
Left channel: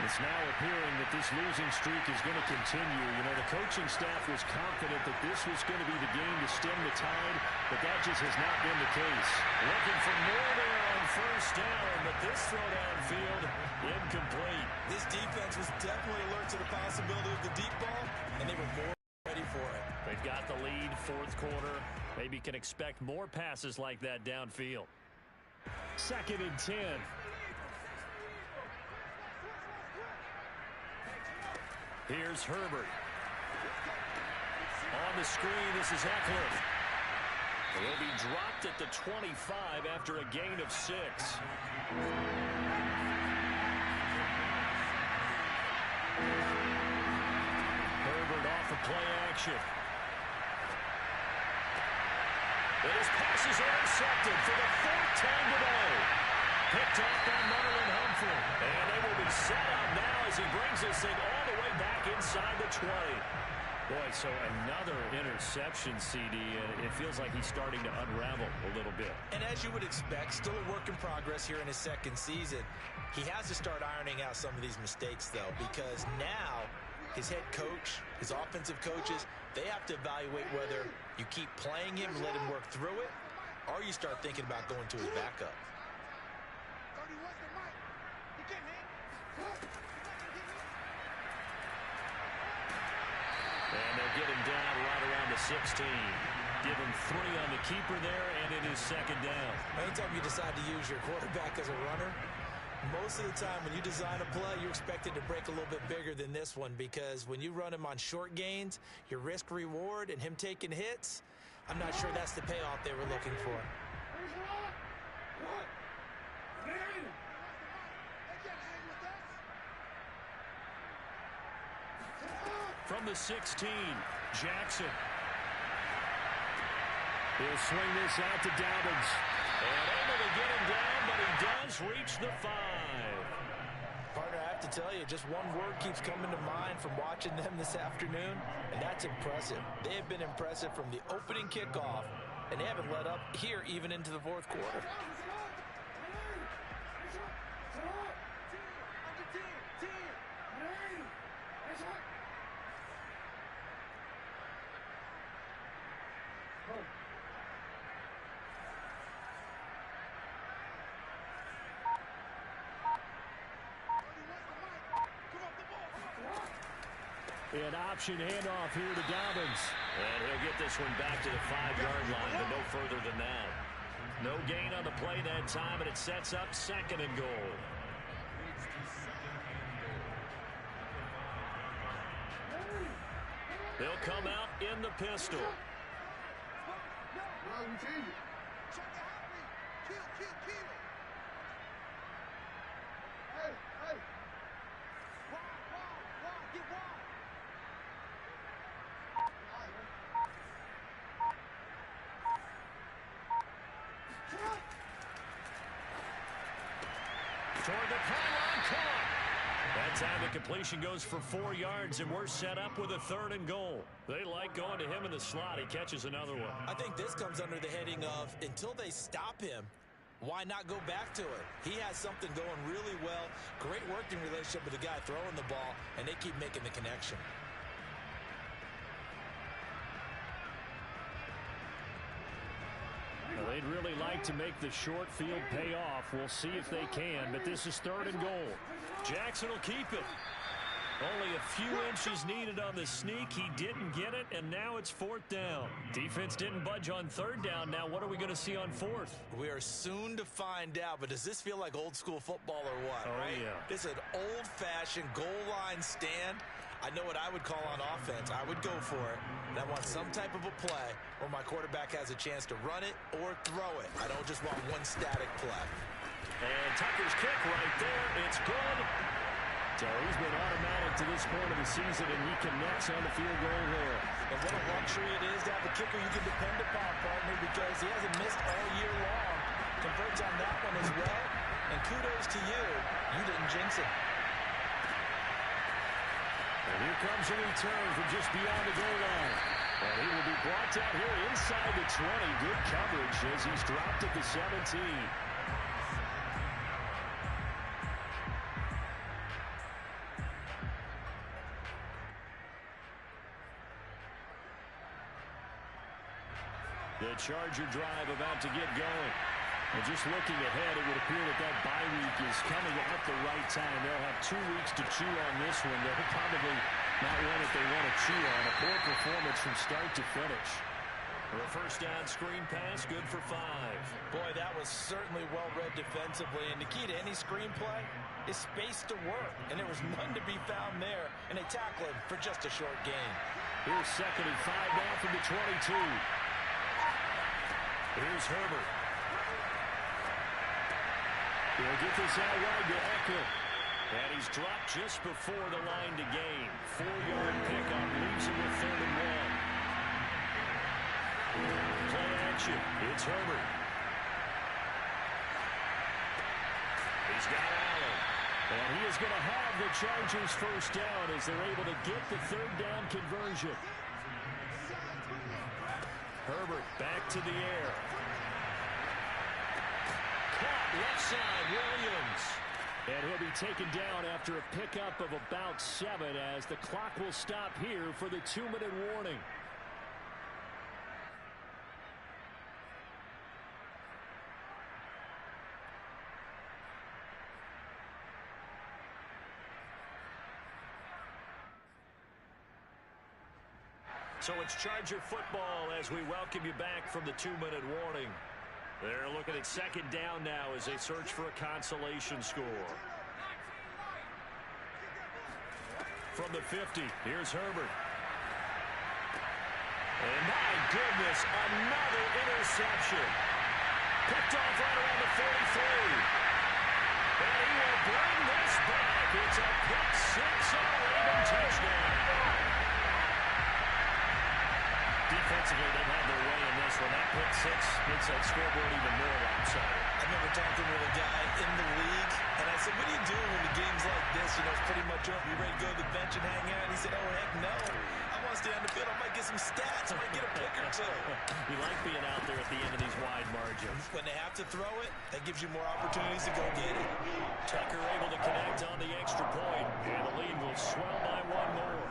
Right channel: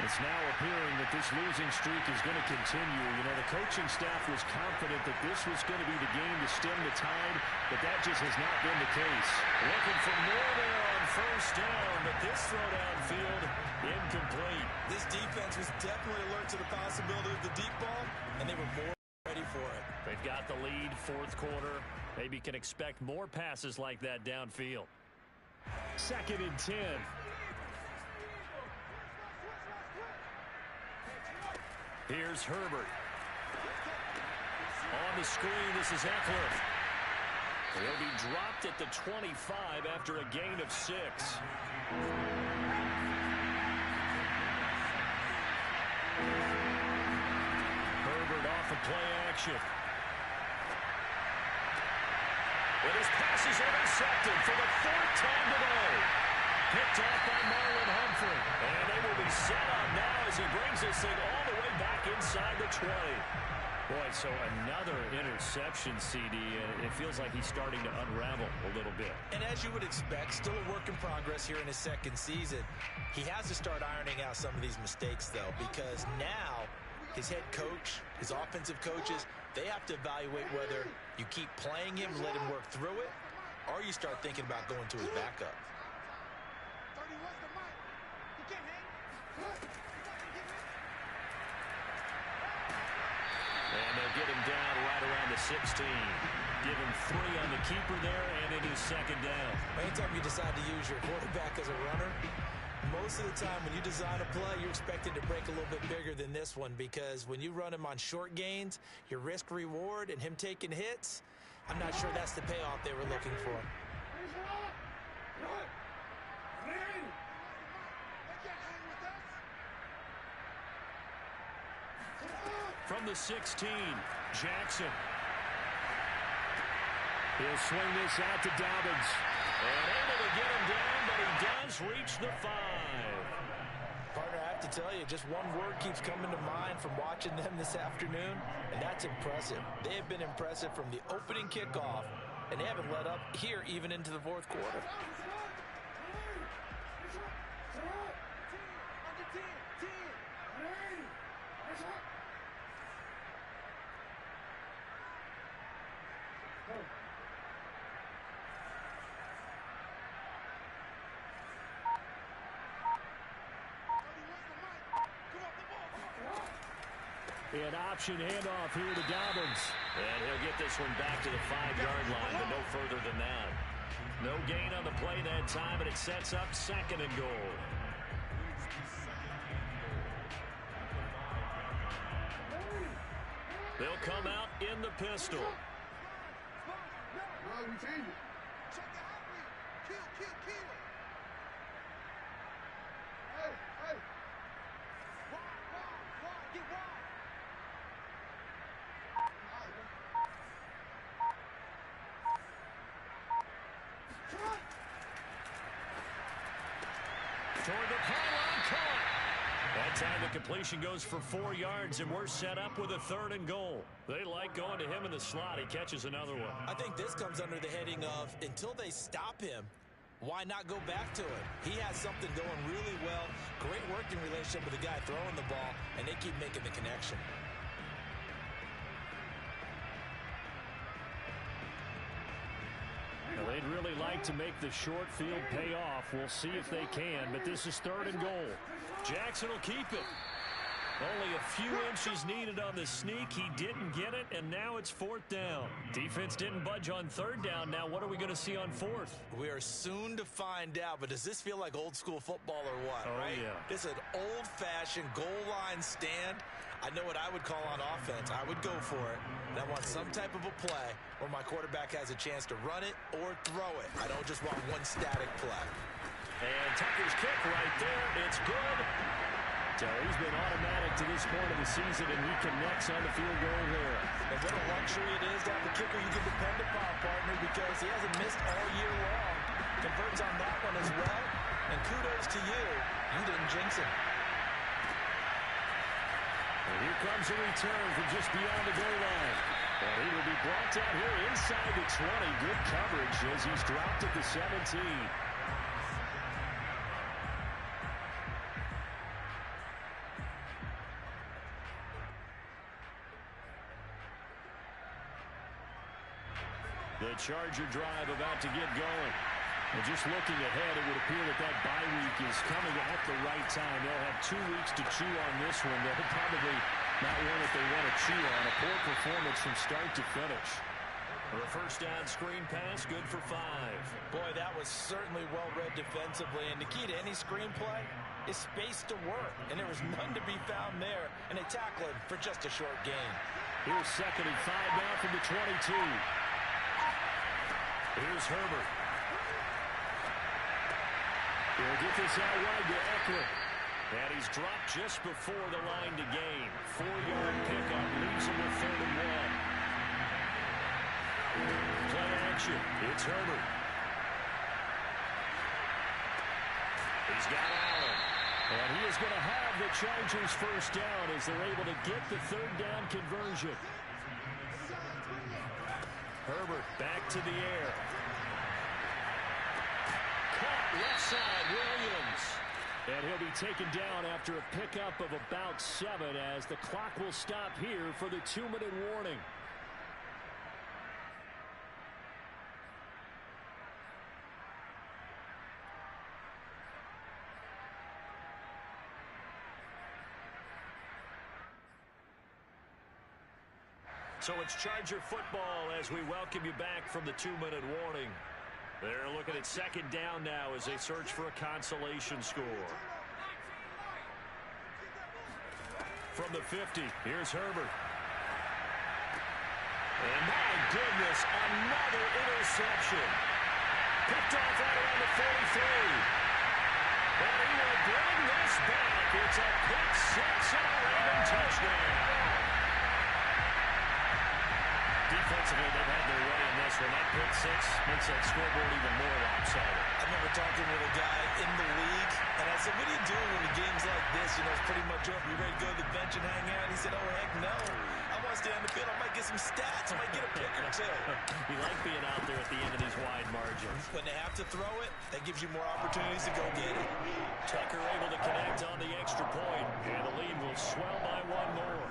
It's now appearing that this losing streak is going to continue. You know, the coaching staff was confident that this was going to be the game to stem the tide, but that just has not been the case. Looking for more there on first down, but this throw downfield incomplete. This defense was definitely alert to the possibility of the deep ball, and they were more ready for it. They've got the lead, fourth quarter. Maybe can expect more passes like that downfield. 2nd and 10. Here's Herbert. On the screen, this is Eckler. He'll be dropped at the 25 after a gain of 6. Herbert off of play action. And his pass is intercepted for the 4th time today. Picked off by Marlon Humphrey. And they will be set up now as he brings this thing all the way back inside the 20. Boy, so another interception, CD, and it feels like he's starting to unravel a little bit. And as you would expect, still a work in progress here in his 2nd season. He has to start ironing out some of these mistakes, though, because now his head coach, his offensive coaches, they have to evaluate whether you keep playing him and let him work through it, or you start thinking about going to his backup. And they'll get him down right around the 16. Give him 3 on the keeper there, and it is 2nd down. Anytime you decide to use your quarterback as a runner, most of the time when you design a play, you're expected to break a little bit bigger than this one, because when you run him on short gains, your risk-reward and him taking hits, I'm not sure that's the payoff they were looking for. From the 16, Jackson. He'll swing this out to Dobbins. And able to get him down, but he does reach the 5. Partner, I have to tell you, just one word keeps coming to mind from watching them this afternoon, and that's impressive. They have been impressive from the opening kickoff, and they haven't let up here even into the 4th quarter. An option handoff here to Dobbins. And he'll get this one back to the 5-yard line, but no further than that. No gain on the play that time, and it sets up 2nd and goal. They'll come out in the pistol. No, we change it. Check the hot read. Kill. Hey. Wide. Get wide. Toward the pylon, caught. That time the completion goes for 4 yards, and we're set up with a 3rd and goal. They like going to him in the slot. He catches another one. I think this comes under the heading of, until they stop him, why not go back to it? He has something going really well. Great working relationship with the guy throwing the ball, and they keep making the connection. Well, they'd really like to make the short field pay off. We'll see if they can, but this is 3rd and goal. Jackson will keep it. Only a few inches needed on the sneak. He didn't get it, and now it's 4th down. Defense didn't budge on 3rd down. Now what are we going to see on 4th? We are soon to find out, but does this feel like old school football or what? Oh, right? Yeah. This is an old-fashioned goal line stand. I know what I would call on offense. I would go for it, and I want some type of a play where my quarterback has a chance to run it or throw it. I don't just want one static play. And Tucker's kick right there. It's good. So he's been automatic to this point of the season, and he connects on the field goal there. And what a luxury it is to have a kicker you can depend upon, partner, because he hasn't missed all year long. Converts on that one as well. And kudos to you. You didn't jinx it. And here comes a return from just beyond the goal line. And he will be brought down here inside the 20. Good coverage as he's dropped at the 17. The Charger drive about to get going. And just looking ahead, it would appear that bye week is coming at the right time. They'll have 2 weeks to chew on this one. They'll probably not one that they want to chew on. A poor performance from start to finish. The first down screen pass, good for 5. Boy, that was certainly well-read defensively. And the key to any screenplay is space to work. And there was none to be found there. And they tackle him for just a short gain. Here's 2nd and 5 now from the 22. Here's Herbert. He'll get this out wide to Eckler. And he's dropped just before the line to gain. 4-yard pickup leaves him with 3rd and 1. Play action. It's Herbert. He's got Allen. And he is going to have the Chargers first down as they're able to get the 3rd down conversion. Herbert back to the air. Caught left side, Williams. And he'll be taken down after a pickup of about 7 as the clock will stop here for the 2-minute warning. So it's Charger football as we welcome you back from the 2-minute warning. They're looking at 2nd down now as they search for a consolation score. From the 50, here's Herbert. And my goodness, another interception. Picked off right around the 43. And he will bring this back. It's a pick 6 and a Raven touchdown. Defensively, they've had their way in this one. That pick 6 makes that scoreboard even more lopsided. I remember talking with a guy in the league, and I said, what do you do when the game's like this? You know, it's pretty much over. You ready to go to the bench and hang out? And he said, oh, heck no. I want to stay on the field. I might get some stats. I might get a pick or 2. You like being out there at the end of these wide margins. When they have to throw it, that gives you more opportunities to go get it. Tucker able to connect on the extra point, and the lead will swell by 1 more.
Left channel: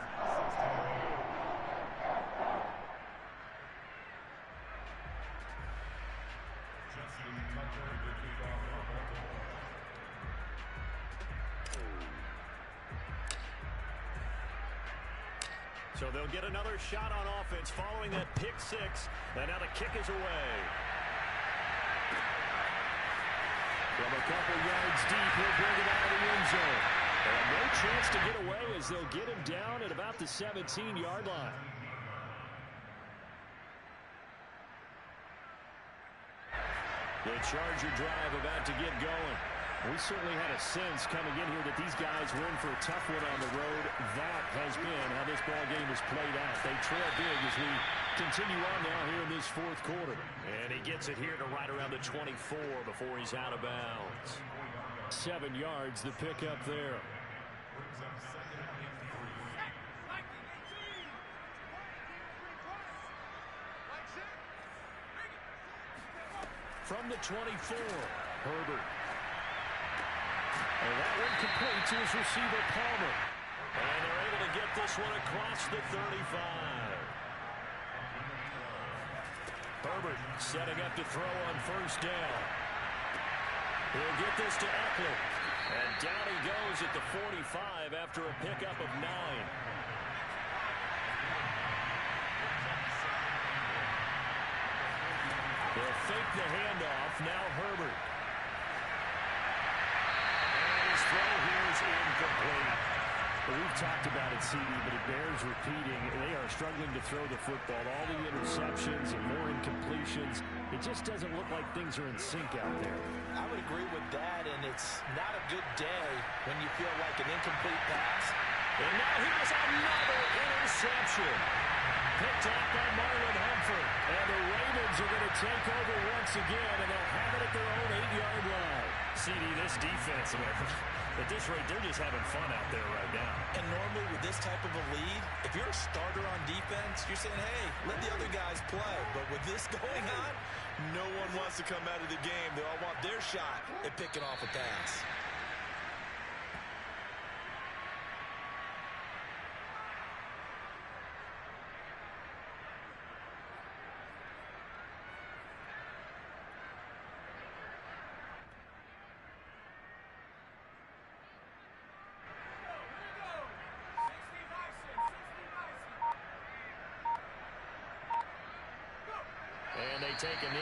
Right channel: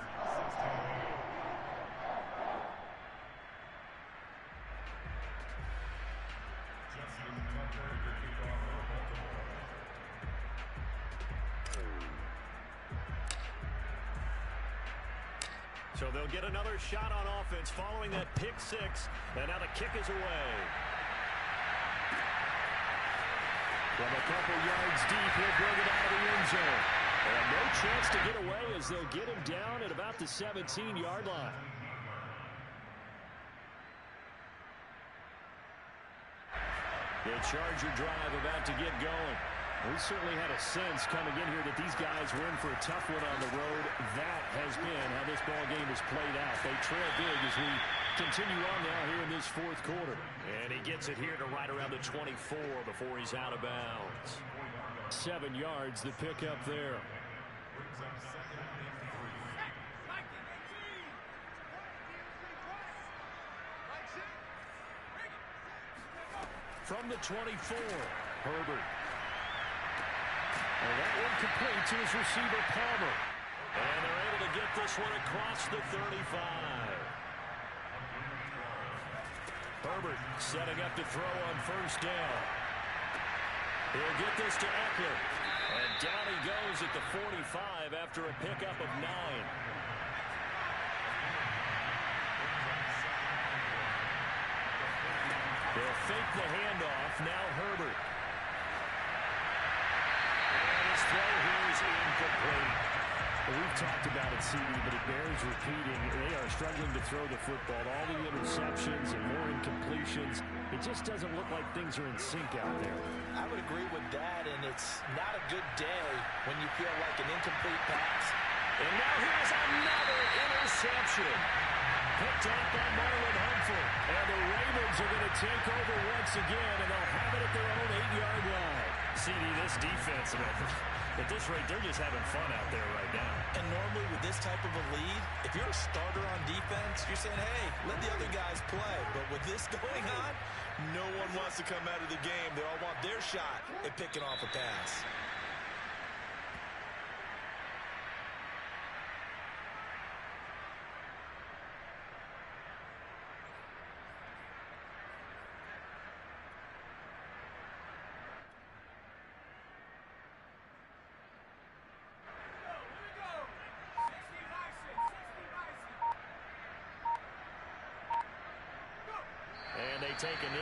So they'll get another shot on offense following that pick 6. And now the kick is away. From a couple yards deep, he'll bring it out of the end zone. And no chance to get away as they'll get him down at about the 17-yard line. The Charger drive about to get going. We certainly had a sense coming in here that these guys were in for a tough one on the road. That has been how this ball game has played out. They trail big as we continue on now here in this 4th quarter. And he gets it here to right around the 24 before he's out of bounds. 7 yards, the pickup there. From the 24, Herbert. And that one complete to his receiver, Palmer. And they're able to get this one across the 35. Herbert setting up to throw on first down. He'll get this to Eckler. And down he goes at the 45 after a pickup of 9. He'll fake the handoff. Now Herbert. And his throw here is incomplete. Well, we've talked about it, CD, but it bears repeating. They are struggling to throw the football. All the interceptions and more incompletions. It just doesn't look like things are in sync out there. I would agree with that, and it's not a good day when you feel like an incomplete pass. And now here's another interception. Picked off by Marlon Humphrey. And the Ravens are going to take over once again, and they'll have it at their own 8-yard line. CD, this defense, at this rate, they're just having fun out there right now. And normally with this type of a lead, if you're a starter on defense, you're saying, hey, let the other guys play. But with this going on, no one wants to come out of the game. They all want their shot at picking off a pass. And they take a knee.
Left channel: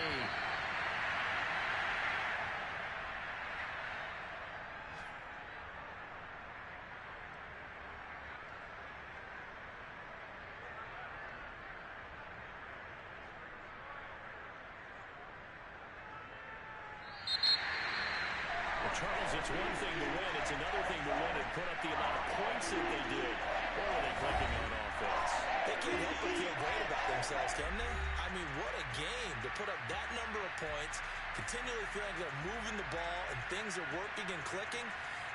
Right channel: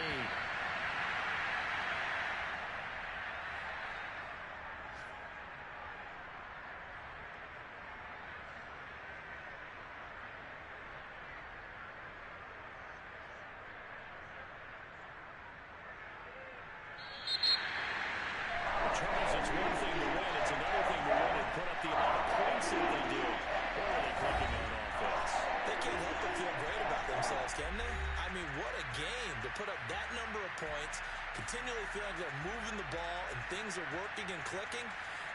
Well, Charles, it's one thing to win. It's another thing to win and put up the amount of points that they did. Or are they clicking on offense? They can't help but feel great about themselves, can they? I mean, what a game to put up that number of points, continually feeling like they're moving the ball and things are working and clicking.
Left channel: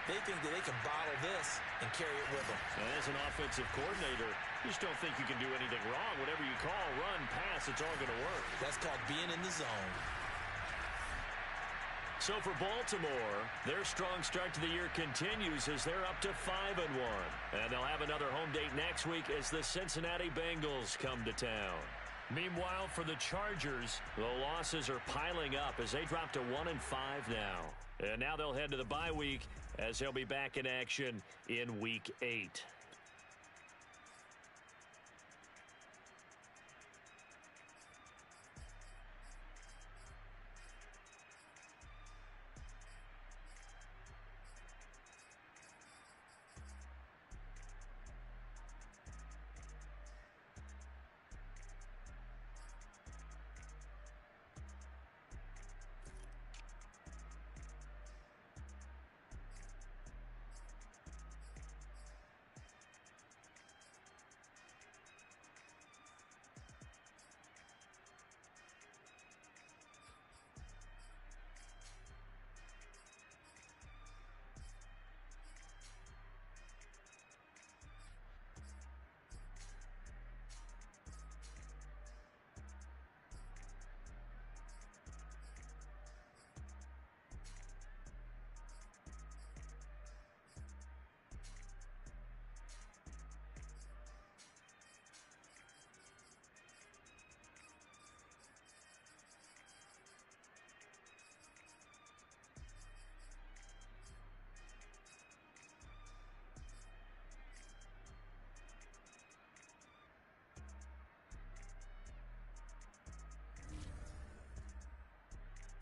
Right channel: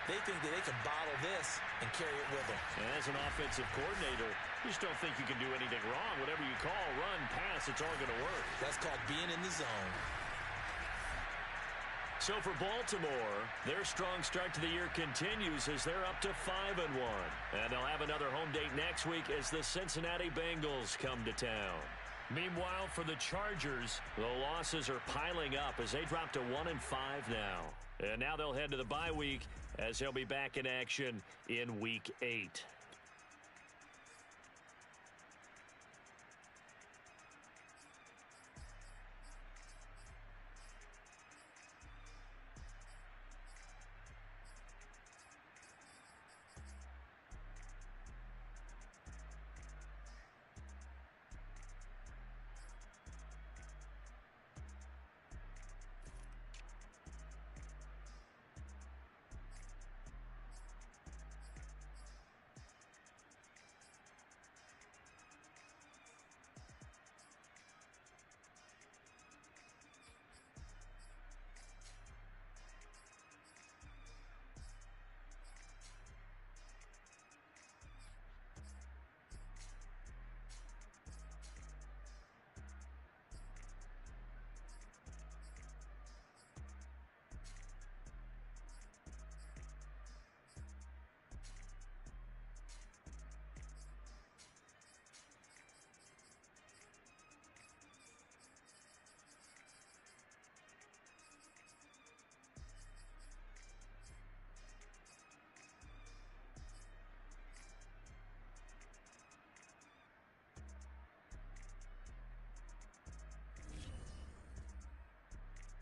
They think that they can bottle this and carry it with them. And as an offensive coordinator, you just don't think you can do anything wrong. Whatever you call, run, pass, it's all going to work. That's called being in the zone. So for Baltimore, their strong start to the year continues as they're up to 5-1. And they'll have another home date next week as the Cincinnati Bengals come to town. Meanwhile, for the Chargers, the losses are piling up as they drop to 1-5 now. And now they'll head to the bye week as they'll be back in action in Week 8.